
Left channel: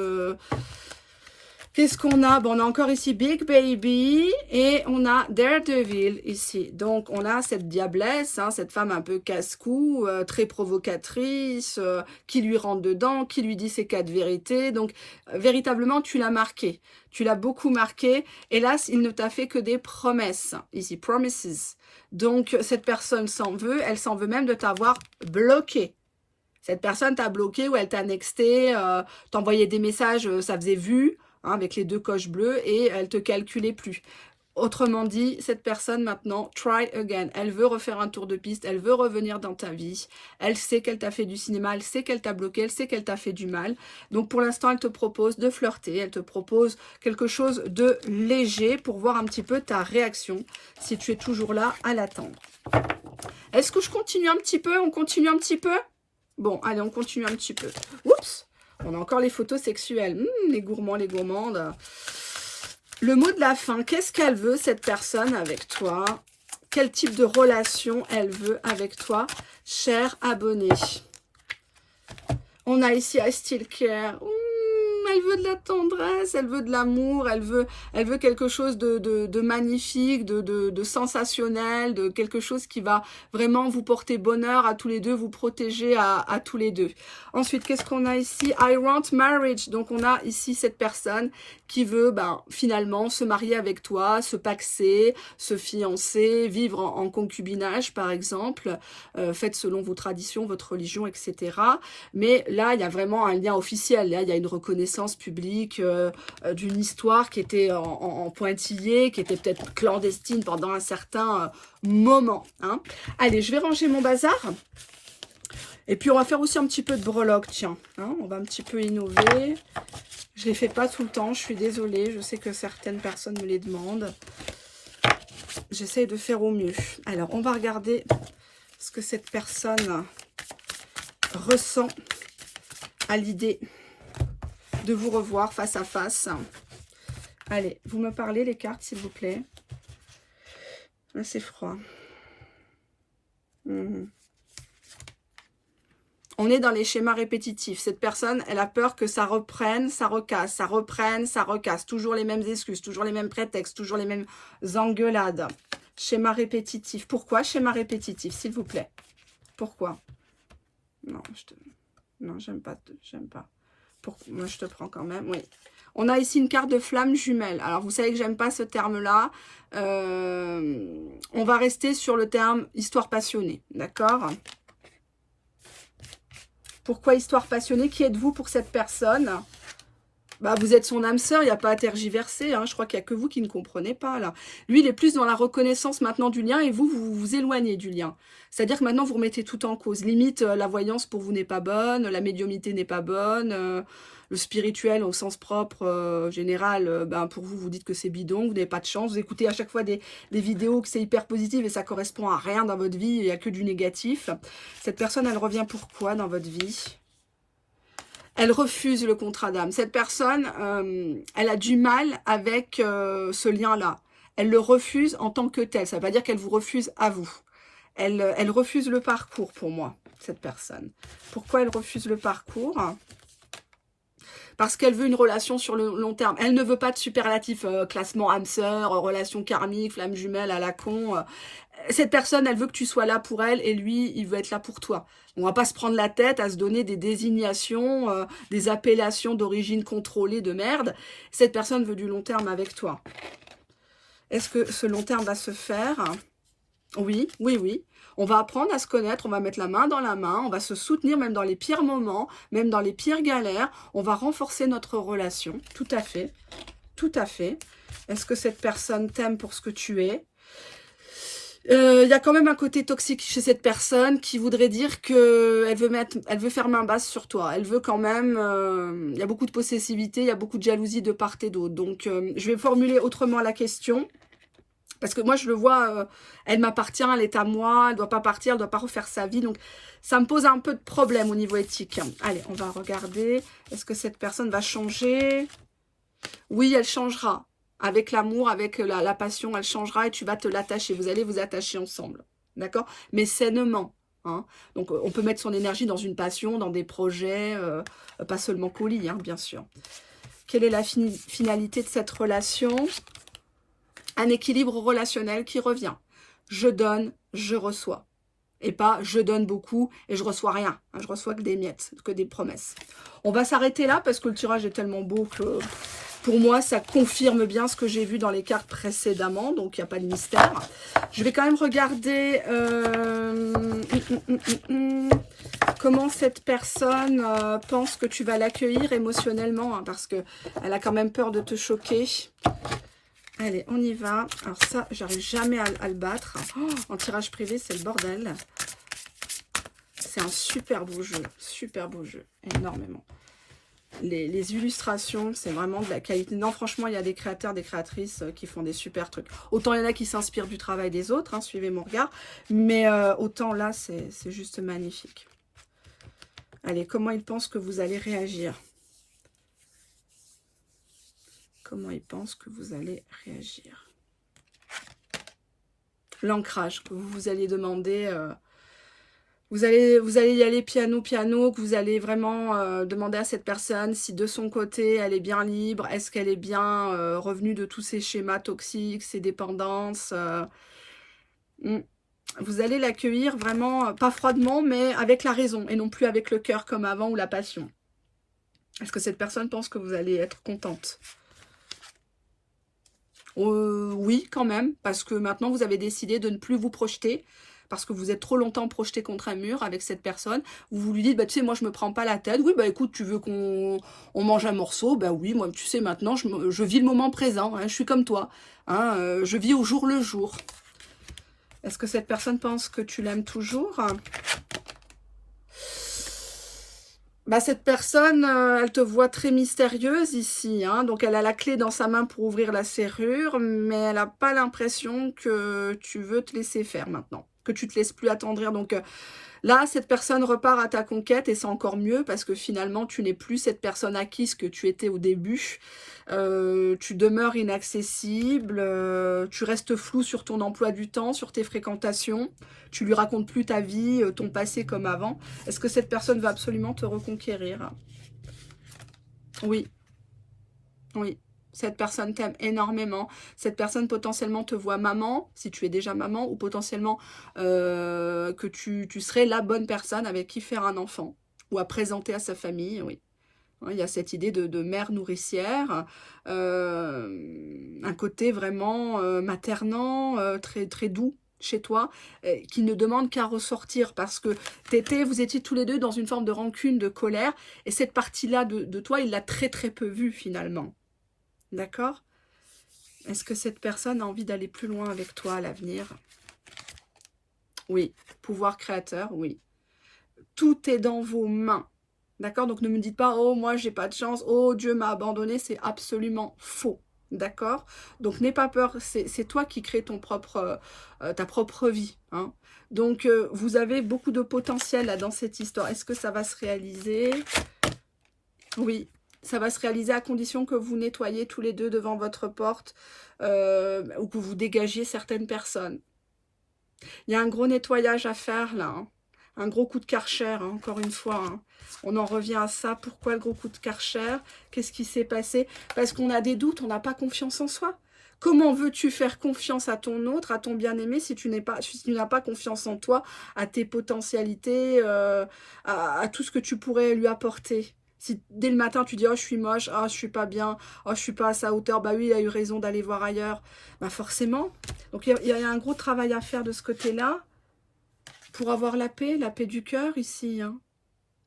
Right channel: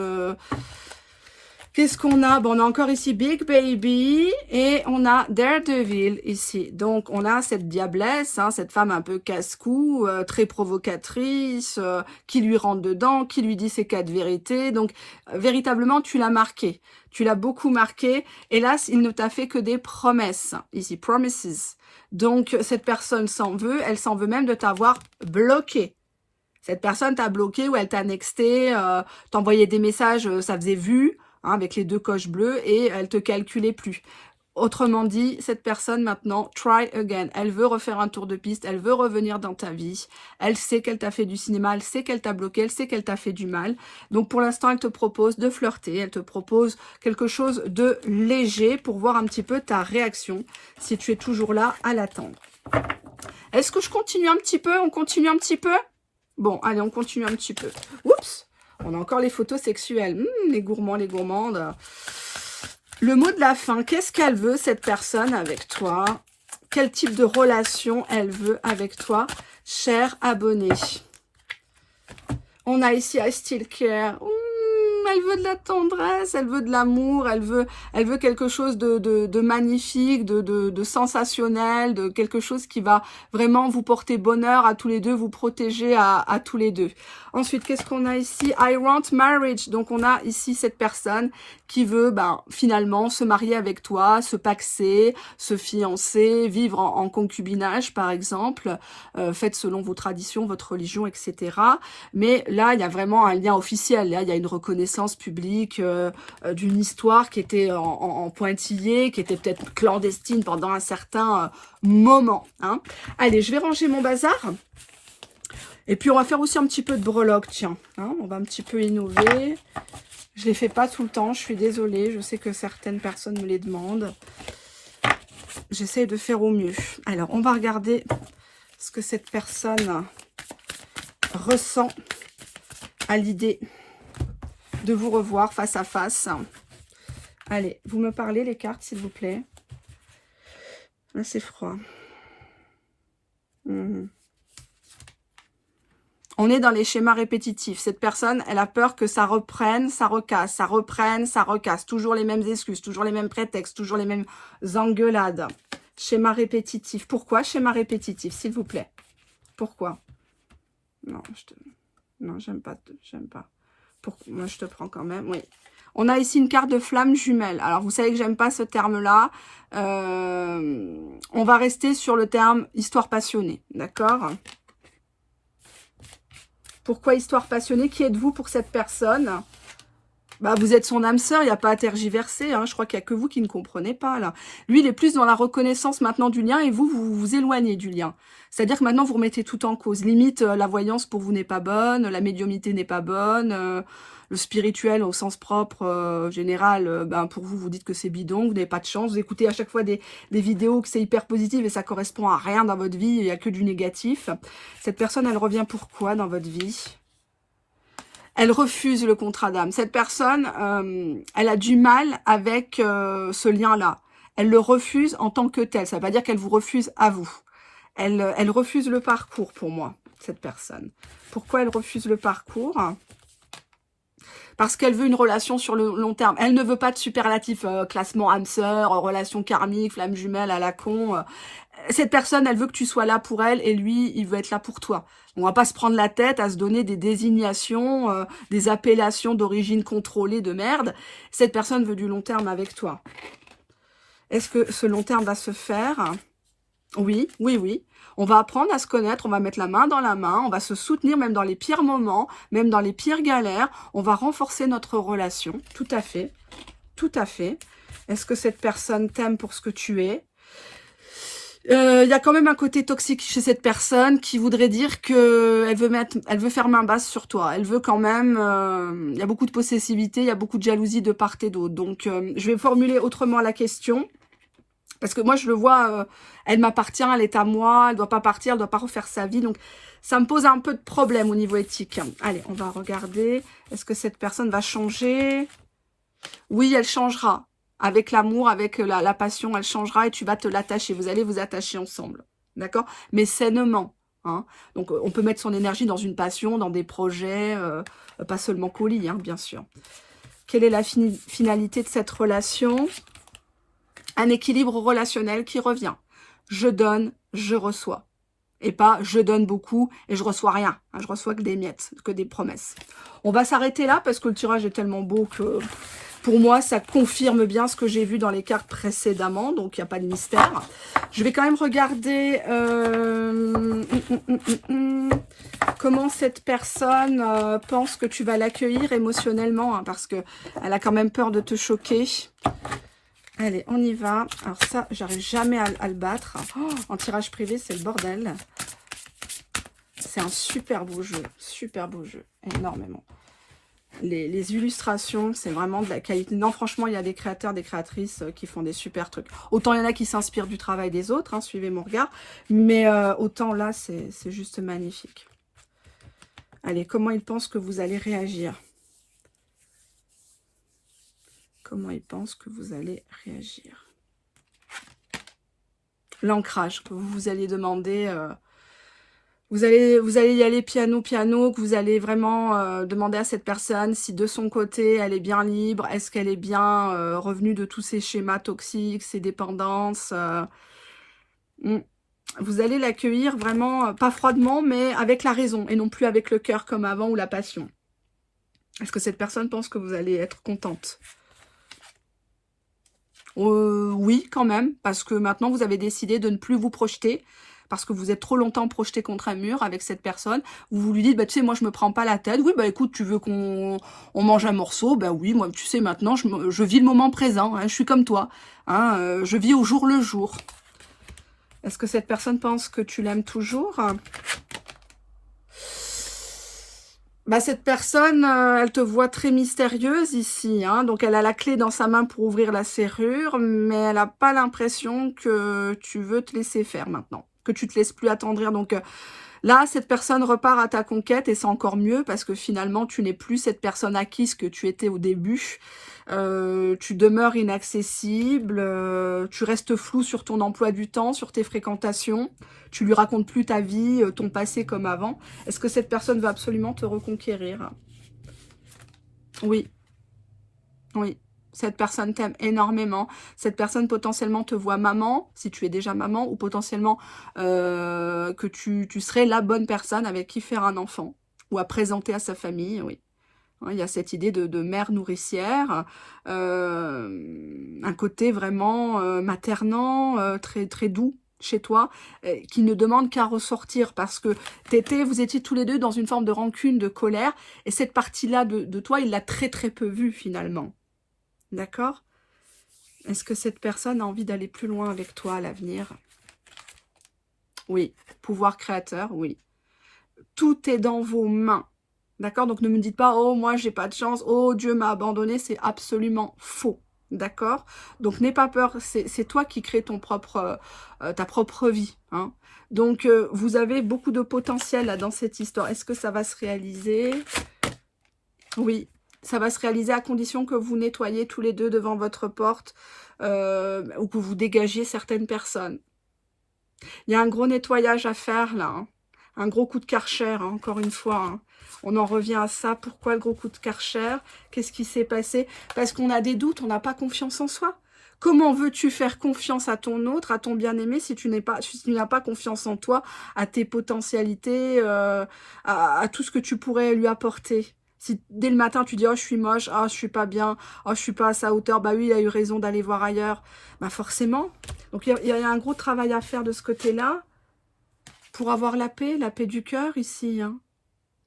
Qu'est-ce qu'on a? Bon, on a encore ici Big Baby et on a Daredevil ici. Donc, on a cette diablesse, hein, cette femme un peu casse-cou, très provocatrice, qui lui rentre dedans, qui lui dit ses 4 vérités. Donc, véritablement, tu l'as marqué. Tu l'as beaucoup marqué. Hélas, il ne t'a fait que des promesses. Ici, promises. Donc, cette personne s'en veut. Elle s'en veut même de t'avoir bloqué. Cette personne t'a bloqué ou elle t'a nexté, t'envoyait des messages, ça faisait vu. Hein, avec les 2 coches bleues et elle te calculait plus. Autrement dit, cette personne maintenant, try again. Elle veut refaire un tour de piste, elle veut revenir dans ta vie. Elle sait qu'elle t'a fait du cinéma, elle sait qu'elle t'a bloqué, elle sait qu'elle t'a fait du mal. Donc pour l'instant, elle te propose de flirter, elle te propose quelque chose de léger pour voir un petit peu ta réaction, si tu es toujours là à l'attendre. Est-ce que je continue un petit peu? On continue un petit peu? Bon, allez, on continue un petit peu. Oups! On a encore les photos sexuelles. Les gourmands, les gourmandes. Le mot de la fin. Qu'est-ce qu'elle veut, cette personne, avec toi? Quel type de relation elle veut avec toi, cher abonné? On a ici I Still Care. Elle veut de la tendresse, elle veut de l'amour, elle veut quelque chose de magnifique, de sensationnel, de quelque chose qui va vraiment vous porter bonheur à tous les deux, vous protéger à tous les deux. Ensuite, qu'est-ce qu'on a ici? I want marriage. Donc, on a ici cette personne qui veut finalement se marier avec toi, se paxer, se fiancer, vivre en concubinage, par exemple. Faites selon vos traditions, votre religion, etc. Mais là, il y a vraiment un lien officiel. Là, il y a une reconnaissance publique d'une histoire qui était en pointillé, qui était peut-être clandestine pendant un certain moment. Hein. Allez, je vais ranger mon bazar. Et puis, on va faire aussi un petit peu de breloque, tiens. Hein, on va un petit peu innover. Je ne les fais pas tout le temps, je suis désolée. Je sais que certaines personnes me les demandent. J'essaie de faire au mieux. Alors, on va regarder ce que cette personne ressent à l'idée de vous revoir face à face. Allez, vous me parlez les cartes, s'il vous plaît. Là, c'est froid. On est dans les schémas répétitifs. Cette personne, elle a peur que ça reprenne, ça recasse, ça reprenne, ça recasse. Toujours les mêmes excuses, toujours les mêmes prétextes, toujours les mêmes engueulades. Schéma répétitif. Pourquoi schéma répétitif, s'il vous plaît? Pourquoi? Non, non, j'aime pas. J'aime pas. Moi, je te prends quand même, oui. On a ici une carte de flamme jumelle. Alors, vous savez que j'aime pas ce terme-là. On va rester sur le terme histoire passionnée, d'accord? Pourquoi histoire passionnée? Qui êtes-vous pour cette personne? Bah, vous êtes son âme sœur, il n'y a pas à tergiverser. Hein. Je crois qu'il n'y a que vous qui ne comprenez pas, là. Lui, il est plus dans la reconnaissance maintenant du lien et vous vous éloignez du lien. C'est-à-dire que maintenant, vous remettez tout en cause. Limite, la voyance pour vous n'est pas bonne, la médiumnité n'est pas bonne, le spirituel au sens propre, général, ben, pour vous, vous dites que c'est bidon, vous n'avez pas de chance. Vous écoutez à chaque fois des vidéos que c'est hyper positif et ça correspond à rien dans votre vie, il n'y a que du négatif. Cette personne, elle revient pourquoi dans votre vie? Elle refuse le contrat d'âme. Cette personne, elle a du mal avec ce lien-là. Elle le refuse en tant que tel. Ça ne veut pas dire qu'elle vous refuse à vous. Elle refuse le parcours pour moi, cette personne. Pourquoi elle refuse le parcours? Parce qu'elle veut une relation sur le long terme. Elle ne veut pas de superlatif classement âme sœur, relation karmique, flamme jumelle à la con. Cette personne, elle veut que tu sois là pour elle et lui, il veut être là pour toi. On va pas se prendre la tête à se donner des désignations, des appellations d'origine contrôlée de merde. Cette personne veut du long terme avec toi. Est-ce que ce long terme va se faire? Oui, oui, oui. On va apprendre à se connaître, on va mettre la main dans la main, on va se soutenir même dans les pires moments, même dans les pires galères. On va renforcer notre relation, tout à fait, tout à fait. Est-ce que cette personne t'aime pour ce que tu es? Il y a quand même un côté toxique chez cette personne qui voudrait dire que elle veut faire main basse sur toi. Elle veut quand même, il y a beaucoup de possessivité, il y a beaucoup de jalousie de part et d'autre. Donc, je vais formuler autrement la question. Parce que moi, je le vois, elle m'appartient, elle est à moi, elle ne doit pas partir, elle ne doit pas refaire sa vie. Donc, ça me pose un peu de problème au niveau éthique. Allez, on va regarder. Est-ce que cette personne va changer? Oui, elle changera. Avec l'amour, avec la passion, elle changera et tu vas te l'attacher. Vous allez vous attacher ensemble. D'accord? Mais sainement. Hein. Donc, on peut mettre son énergie dans une passion, dans des projets, pas seulement colis, hein, bien sûr. Quelle est la finalité de cette relation? Un équilibre relationnel qui revient. Je donne, je reçois. Et pas je donne beaucoup et je reçois rien. Je reçois que des miettes, que des promesses. On va s'arrêter là parce que le tirage est tellement beau que pour moi ça confirme bien ce que j'ai vu dans les cartes précédemment. Donc il n'y a pas de mystère. Je vais quand même regarder comment cette personne pense que tu vas l'accueillir émotionnellement. Hein, parce qu'elle a quand même peur de te choquer. Allez, on y va. Alors ça, j'arrive jamais à le battre. Oh, en tirage privé, c'est le bordel. C'est un super beau jeu, énormément. Les illustrations, c'est vraiment de la qualité. Non, franchement, il y a des créateurs, des créatrices qui font des super trucs. Autant il y en a qui s'inspirent du travail des autres, hein, suivez mon regard. Mais autant là, c'est juste magnifique. Allez, comment ils pensent que vous allez réagir ? Comment ils pensent que vous allez réagir? L'ancrage que vous allez demander, vous allez y aller piano, que vous allez vraiment demander à cette personne si de son côté elle est bien libre, est-ce qu'elle est bien revenue de tous ces schémas toxiques, ces dépendances. Vous allez l'accueillir vraiment, pas froidement, mais avec la raison et non plus avec le cœur comme avant ou la passion. Est-ce que cette personne pense que vous allez être contente? Oui, quand même, parce que maintenant, vous avez décidé de ne plus vous projeter, parce que vous êtes trop longtemps projeté contre un mur avec cette personne. Vous lui dites, bah, tu sais, moi, je me prends pas la tête. Oui, bah, écoute, tu veux qu'on mange un morceau? Ben oui, moi, tu sais, maintenant, je vis le moment présent. Hein, je suis comme toi. Hein, je vis au jour le jour. Est-ce que cette personne pense que tu l'aimes toujours? Bah, cette personne, elle te voit très mystérieuse ici, hein, donc elle a la clé dans sa main pour ouvrir la serrure, mais elle n'a pas l'impression que tu veux te laisser faire maintenant, que tu te laisses plus attendrir. Donc là, cette personne repart à ta conquête et c'est encore mieux parce que finalement, tu n'es plus cette personne acquise que tu étais au début. Tu demeures inaccessible, tu restes flou sur ton emploi du temps, sur tes fréquentations. Tu lui racontes plus ta vie, ton passé comme avant. Est-ce que cette personne va absolument te reconquérir? Oui, oui. Cette personne t'aime énormément. Cette personne potentiellement te voit maman, si tu es déjà maman, ou potentiellement que tu serais la bonne personne avec qui faire un enfant, ou à présenter à sa famille, oui. Il y a cette idée de mère nourricière, un côté vraiment maternant, très, très doux chez toi, qui ne demande qu'à ressortir parce que vous étiez tous les deux dans une forme de rancune, de colère, et cette partie-là de toi, il l'a très très peu vue finalement. D'accord? Est-ce que cette personne a envie d'aller plus loin avec toi à l'avenir? Oui. Pouvoir créateur, oui. Tout est dans vos mains. D'accord? Donc ne me dites pas, oh moi j'ai pas de chance, oh Dieu m'a abandonné, c'est absolument faux. D'accord? Donc n'aie pas peur, c'est toi qui crée ta propre vie. Hein. Donc vous avez beaucoup de potentiel là dans cette histoire. Est-ce que ça va se réaliser? Oui, ça va se réaliser à condition que vous nettoyiez tous les deux devant votre porte ou que vous dégagiez certaines personnes. Il y a un gros nettoyage à faire là. Hein. Un gros coup de Karcher, hein, encore une fois. Hein. On en revient à ça. Pourquoi le gros coup de Karcher? Qu'est-ce qui s'est passé? Parce qu'on a des doutes, on n'a pas confiance en soi. Comment veux-tu faire confiance à ton autre, à ton bien-aimé, si tu n'as pas confiance en toi, à tes potentialités, à tout ce que tu pourrais lui apporter? Si dès le matin tu dis « Oh, je suis moche, oh, je suis pas bien, oh, je suis pas à sa hauteur », bah oui, il a eu raison d'aller voir ailleurs. Bah forcément. Donc il y a un gros travail à faire de ce côté-là pour avoir la paix du cœur ici. Hein.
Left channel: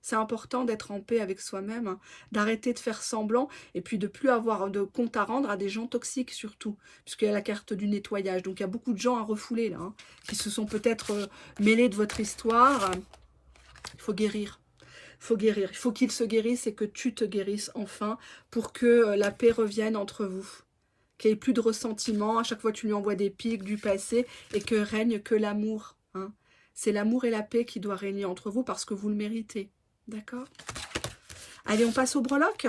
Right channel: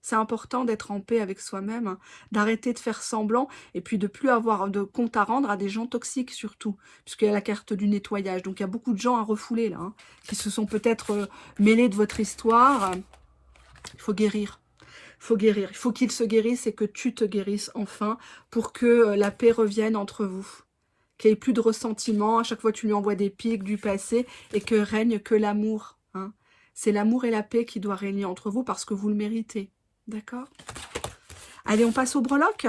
C'est important d'être en paix avec soi-même, hein, d'arrêter de faire semblant et puis de plus avoir de compte à rendre à des gens toxiques surtout, puisqu'il y a la carte du nettoyage. Donc il y a beaucoup de gens à refouler là, hein, qui se sont peut-être mêlés de votre histoire. Il faut guérir. Il faut guérir. Il faut qu'ils se guérissent et que tu te guérisses enfin pour que la paix revienne entre vous. Qu'il n'y ait plus de ressentiment. À chaque fois, tu lui envoies des pics du passé et que règne que l'amour. Hein. C'est l'amour et la paix qui doivent régner entre vous parce que vous le méritez. D'accord? Allez, on passe au breloque.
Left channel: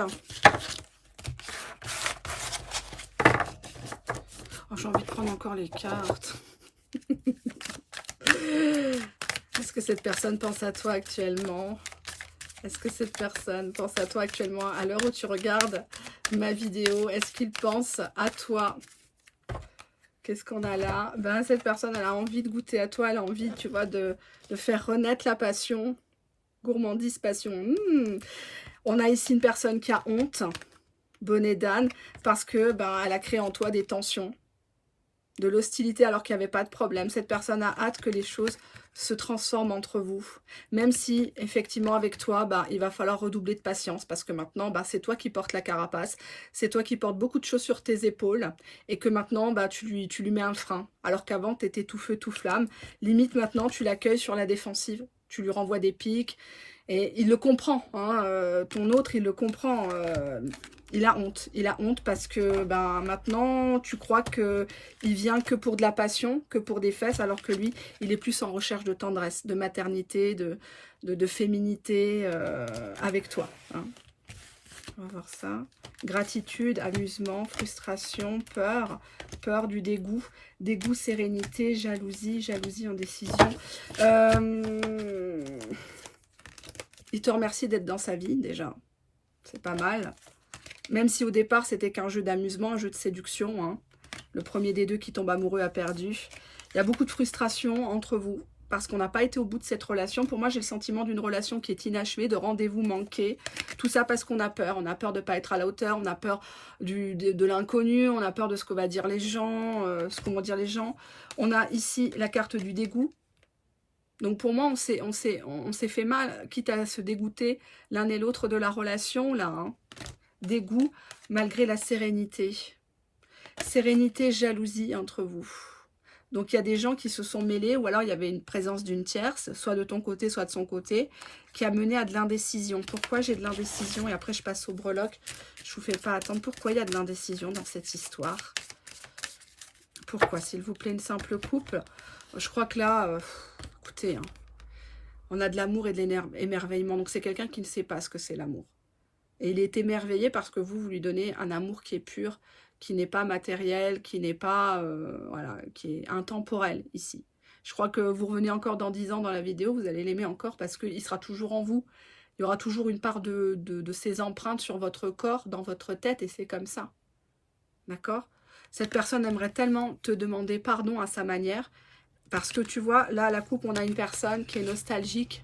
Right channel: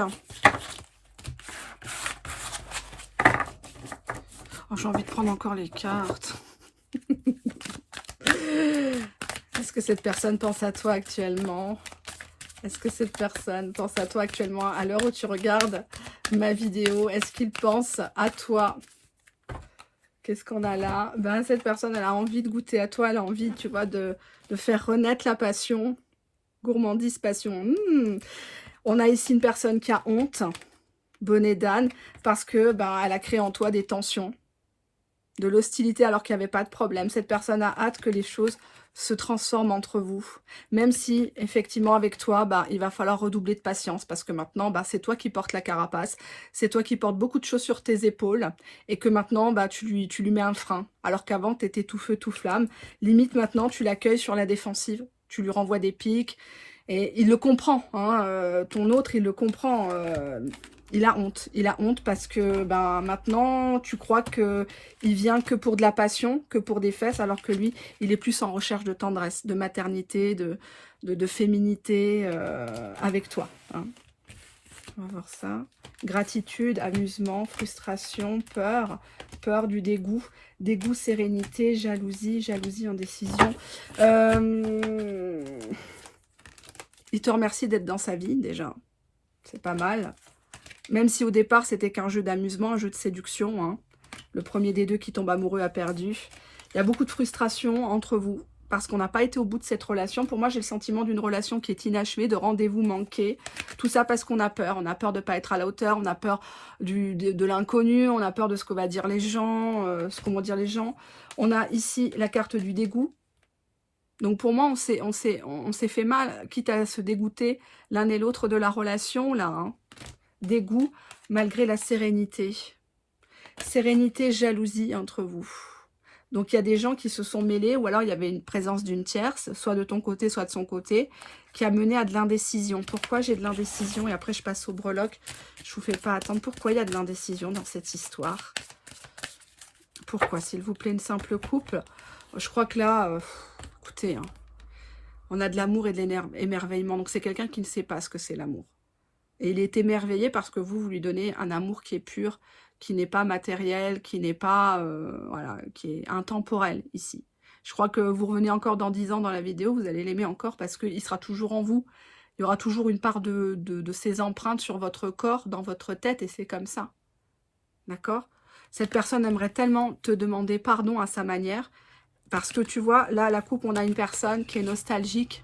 Oh, j'ai envie de prendre encore les cartes. Est-ce que cette personne pense à toi actuellement? Est-ce que cette personne pense à toi actuellement à l'heure où tu regardes ma vidéo? Est-ce qu'il pense à toi? Qu'est-ce qu'on a là? Ben, cette personne, elle a envie de goûter à toi. Elle a envie, tu vois, de faire renaître la passion. Gourmandise, passion. On a ici une personne qui a honte. Bonnet d'âne. Parce que ben, elle a créé en toi des tensions. De l'hostilité alors qu'il n'y avait pas de problème. Cette personne a hâte que les choses se transforment entre vous. Même si, effectivement, avec toi, bah, il va falloir redoubler de patience parce que maintenant, bah, c'est toi qui portes la carapace. C'est toi qui portes beaucoup de choses sur tes épaules et que maintenant, bah, tu lui mets un frein. Alors qu'avant, tu étais tout feu, tout flamme. Limite, maintenant, tu l'accueilles sur la défensive. Tu lui renvoies des pics et il le comprend. Hein, ton autre, il le comprend. Il a honte parce que ben, maintenant, tu crois qu'il vient que pour de la passion, que pour des fesses, alors que lui, il est plus en recherche de tendresse, de maternité, de féminité avec toi. Hein. On va voir ça. Gratitude, amusement, frustration, peur du dégoût, sérénité, jalousie, indécision. Il te remercie d'être dans sa vie déjà, c'est pas mal. Même si au départ, c'était qu'un jeu d'amusement, un jeu de séduction. Hein. Le premier des deux qui tombe amoureux a perdu. Il y a beaucoup de frustration entre vous parce qu'on n'a pas été au bout de cette relation. Pour moi, j'ai le sentiment d'une relation qui est inachevée, de rendez-vous manqués. Tout ça parce qu'on a peur. On a peur de ne pas être à la hauteur. On a peur de l'inconnu. On a peur de ce que vont dire les gens. On a ici la carte du dégoût. Donc pour moi, on s'est fait mal, quitte à se dégoûter l'un et l'autre de la relation, là. Hein. Dégoût malgré la sérénité. Sérénité, jalousie entre vous. Donc, il y a des gens qui se sont mêlés, ou alors il y avait une présence d'une tierce, soit de ton côté, soit de son côté, qui a mené à de l'indécision. Pourquoi j'ai de l'indécision? Et après, je passe au breloque. Je vous fais pas attendre. Pourquoi il y a de l'indécision dans cette histoire? Pourquoi, s'il vous plaît, une simple coupe? Je crois que là, écoutez, hein, on a de l'amour et de l'émerveillement. Donc, c'est quelqu'un qui ne sait pas ce que c'est l'amour. Et il est émerveillé parce que vous lui donnez un amour qui est pur, qui n'est pas matériel, qui n'est pas, voilà, qui est intemporel ici. Je crois que vous revenez encore dans 10 ans dans la vidéo, vous allez l'aimer encore parce qu'il sera toujours en vous. Il y aura toujours une part de ses empreintes sur votre corps, dans votre tête, et c'est comme ça. D'accord? Cette personne aimerait tellement te demander pardon à sa manière, parce que tu vois, là, à la coupe, on a une personne qui est nostalgique,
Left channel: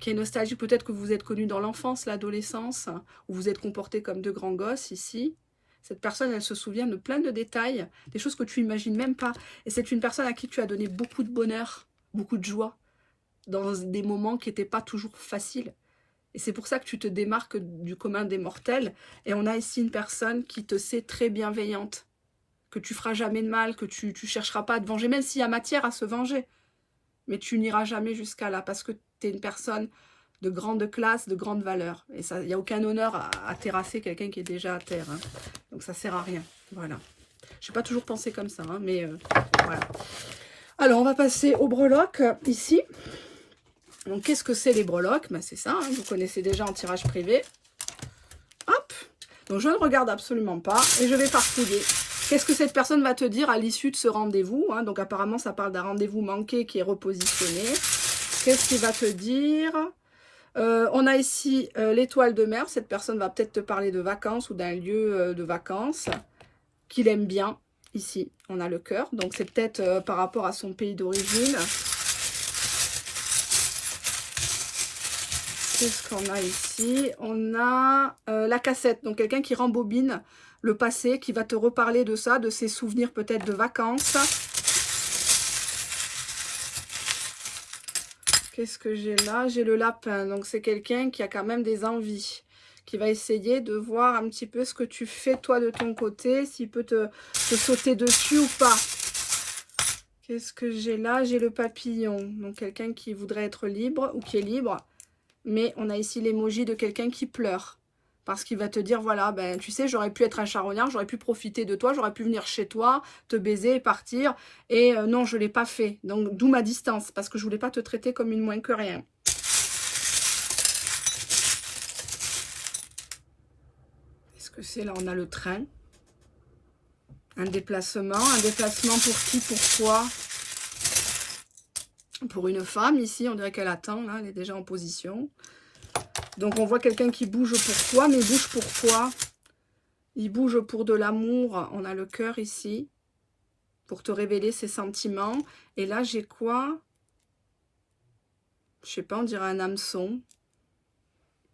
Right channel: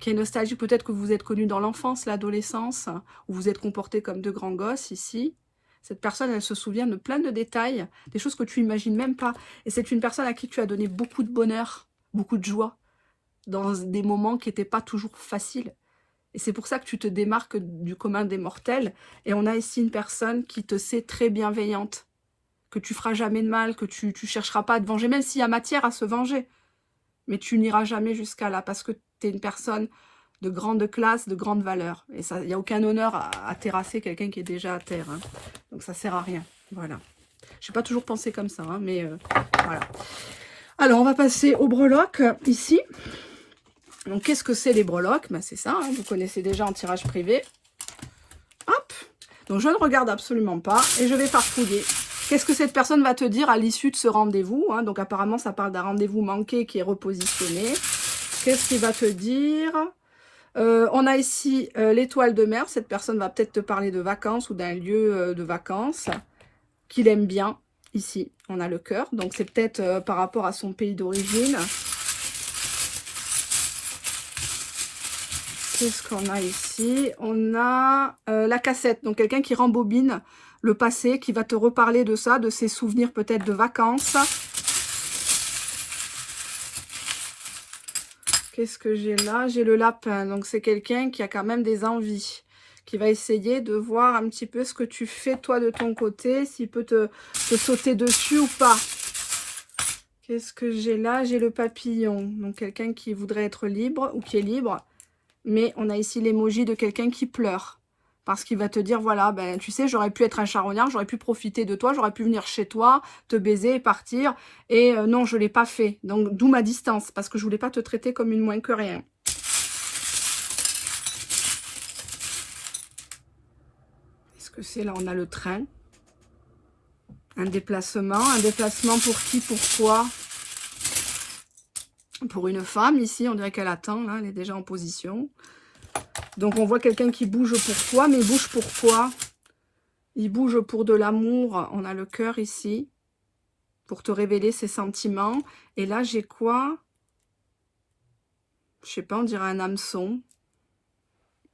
peut-être que vous êtes connu dans l'enfance, l'adolescence, où vous êtes comporté comme de grands gosses ici. Cette personne, elle se souvient de plein de détails, des choses que tu n'imagines même pas. Et c'est une personne à qui tu as donné beaucoup de bonheur, beaucoup de joie, dans des moments qui n'étaient pas toujours faciles. Et c'est pour ça que tu te démarques du commun des mortels. Et on a ici une personne qui te sait très bienveillante, que tu feras jamais de mal, que tu ne chercheras pas à te venger, même s'il y a matière à se venger. Mais tu n'iras jamais jusqu'à là, parce que tu es une personne de grande classe, de grande valeur. Et il n'y a aucun honneur à terrasser quelqu'un qui est déjà à terre. Hein. Donc ça ne sert à rien. Voilà. Je n'ai pas toujours pensé comme ça, hein, mais voilà. Alors, on va passer au breloque, ici. Donc, qu'est-ce que c'est les breloques? Ben, c'est ça, hein, vous connaissez déjà en tirage privé. Hop. Donc, je ne regarde absolument pas et je vais farfouiller. Qu'est-ce que cette personne va te dire à l'issue de ce rendez-vous, hein? Donc, apparemment, ça parle d'un rendez-vous manqué qui est repositionné. Qu'est-ce qu'il va te dire? On a ici l'étoile de mer. Cette personne va peut-être te parler de vacances ou d'un lieu de vacances qu'il aime bien. Ici, on a le cœur. Donc, c'est peut-être par rapport à son pays d'origine. Qu'est-ce qu'on a ici? On a la cassette. Donc, quelqu'un qui rembobine le passé, qui va te reparler de ça, de ses souvenirs peut-être de vacances. Qu'est-ce que j'ai là? J'ai le lapin. Donc, c'est quelqu'un qui a quand même des envies, qui va essayer de voir un petit peu ce que tu fais, toi, de ton côté, s'il peut te sauter dessus ou pas. Qu'est-ce que j'ai là? J'ai le papillon. Donc, quelqu'un qui voudrait être libre ou qui est libre. Mais on a ici l'emoji de quelqu'un qui pleure. Parce qu'il va te dire, voilà, ben, tu sais, j'aurais pu être un charognard, j'aurais pu profiter de toi, j'aurais pu venir chez toi, te baiser et partir. Et non, je ne l'ai pas fait. Donc, d'où ma distance, parce que je ne voulais pas te traiter comme une moins que rien. Qu'est-ce que c'est là? On a le train. Un déplacement pour qui? Pour toi? Pour une femme, ici, on dirait qu'elle attend, là, elle est déjà en position. Donc, on voit quelqu'un qui bouge pour toi, mais bouge pour quoi? Il bouge pour de l'amour. On a le cœur ici, pour te révéler ses sentiments. Et là, j'ai quoi? Je sais pas, on dirait un hameçon.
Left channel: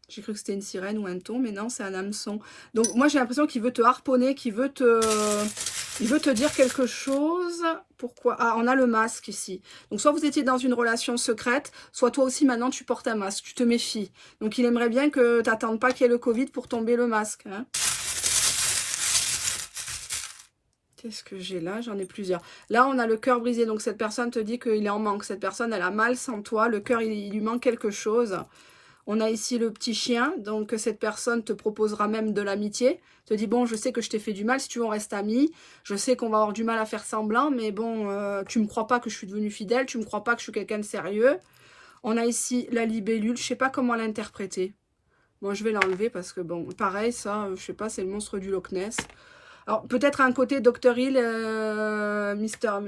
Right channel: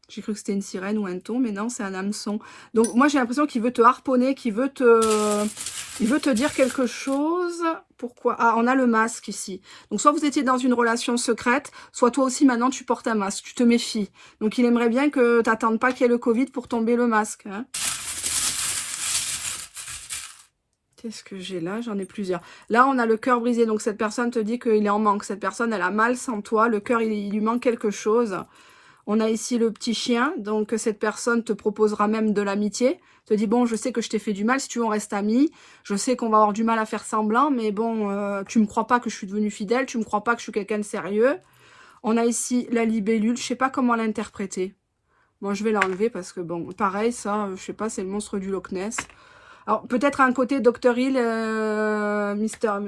J'ai cru que c'était une sirène ou un thon, mais non, c'est un hameçon. Donc, moi, j'ai l'impression qu'il veut te harponner, qu'il veut te dire quelque chose. Pourquoi? Ah, on a le masque ici. Donc, soit vous étiez dans une relation secrète, soit toi aussi, maintenant, tu portes un masque. Tu te méfies. Donc, il aimerait bien que tu n'attendes pas qu'il y ait le Covid pour tomber le masque. Hein. Qu'est-ce que j'ai là? J'en ai plusieurs. Là, on a le cœur brisé. Donc, cette personne te dit qu'il est en manque. Cette personne, elle a mal sans toi. Le cœur, il lui manque quelque chose. On a ici le petit chien, donc cette personne te proposera même de l'amitié, te dit bon je sais que je t'ai fait du mal, si tu veux on reste amis, je sais qu'on va avoir du mal à faire semblant, mais bon tu me crois pas que je suis devenue fidèle, tu me crois pas que je suis quelqu'un de sérieux. On a ici la libellule, je sais pas comment l'interpréter. Bon je vais l'enlever parce que bon pareil ça, je sais pas, c'est le monstre du Loch Ness. Alors peut-être un côté Dr Hill, Mr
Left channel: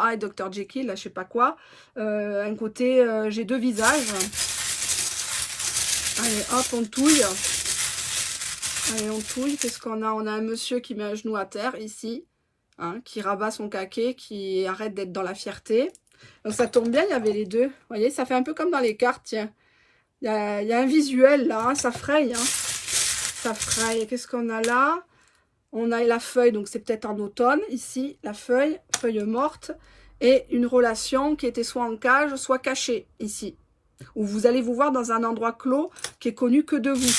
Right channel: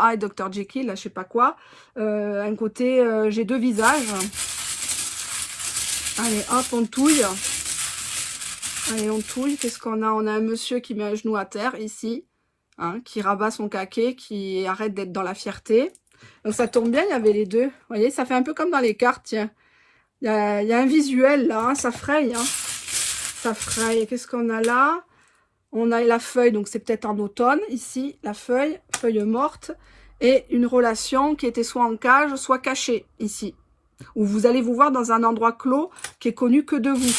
Hyde, Dr Jekyll, là, je sais pas quoi, un côté j'ai deux visages. Allez, hop, on touille. Allez, on touille. Qu'est-ce qu'on a? On a un monsieur qui met un genou à terre, ici. Hein, qui rabat son caquet, qui arrête d'être dans la fierté. Donc, ça tombe bien, il y avait les deux. Vous voyez, ça fait un peu comme dans les cartes, tiens. Il y a un visuel, là. Hein, ça fraye, hein. Ça fraye. Qu'est-ce qu'on a là? On a la feuille, donc c'est peut-être en automne, ici. La feuille morte. Et une relation qui était soit en cage, soit cachée, ici. Où vous allez vous voir dans un endroit clos qui est connu que de vous.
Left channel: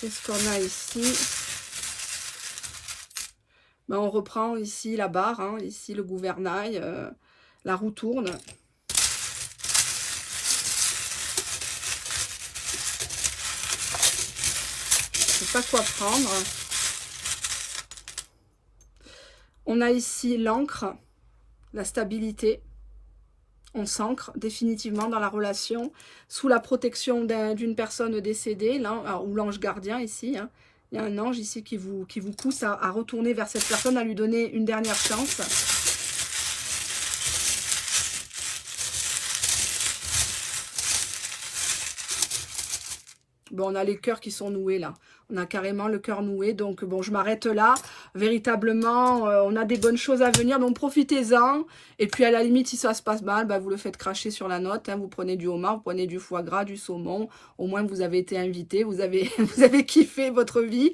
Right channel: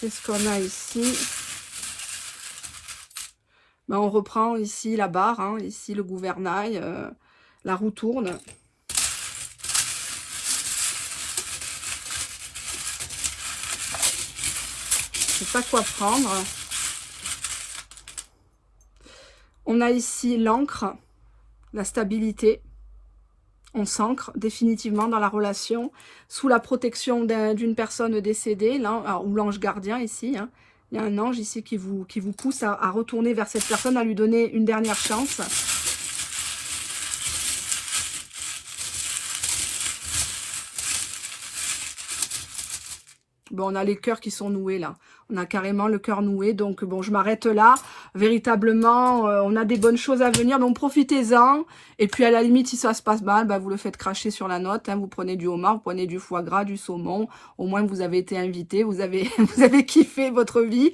Qu'est-ce qu'on a ici? Ben, on reprend ici la barre, hein, ici le gouvernail, la roue tourne. Je sais pas quoi prendre. On a ici l'encre, la stabilité. On s'ancre définitivement dans la relation, sous la protection d'une personne décédée, là, ou l'ange gardien ici. Hein. Il y a un ange ici qui vous pousse à retourner vers cette personne, à lui donner une dernière chance. Bon, on a les cœurs qui sont noués là. On a carrément le cœur noué. Donc, bon, je m'arrête là. Véritablement, on a des bonnes choses à venir. Donc, profitez-en. Et puis, à la limite, si ça se passe mal, bah, vous le faites cracher sur la note. Hein. Vous prenez du homard, vous prenez du foie gras, du saumon. Au moins, vous avez été invité. Vous avez, vous avez kiffé votre vie.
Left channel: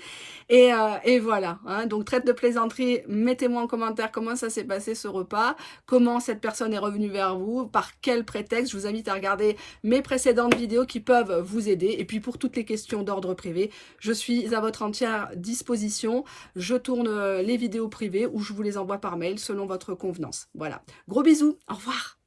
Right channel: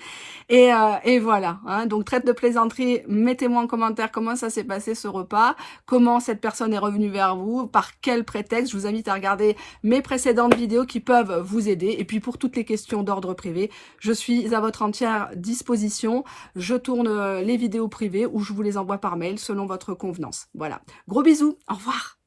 Et voilà. Hein. Donc, traite de plaisanterie. Mettez-moi en commentaire comment ça s'est passé ce repas. Comment cette personne est revenue vers vous. Par quel prétexte. Je vous invite à regarder mes précédentes vidéos qui peuvent vous aider. Et puis, pour toutes les questions d'ordre privé, je suis à votre entière disposition. Je tourne les vidéos privées ou je vous les envoie par mail selon votre convenance. Voilà. Gros bisous. Au revoir.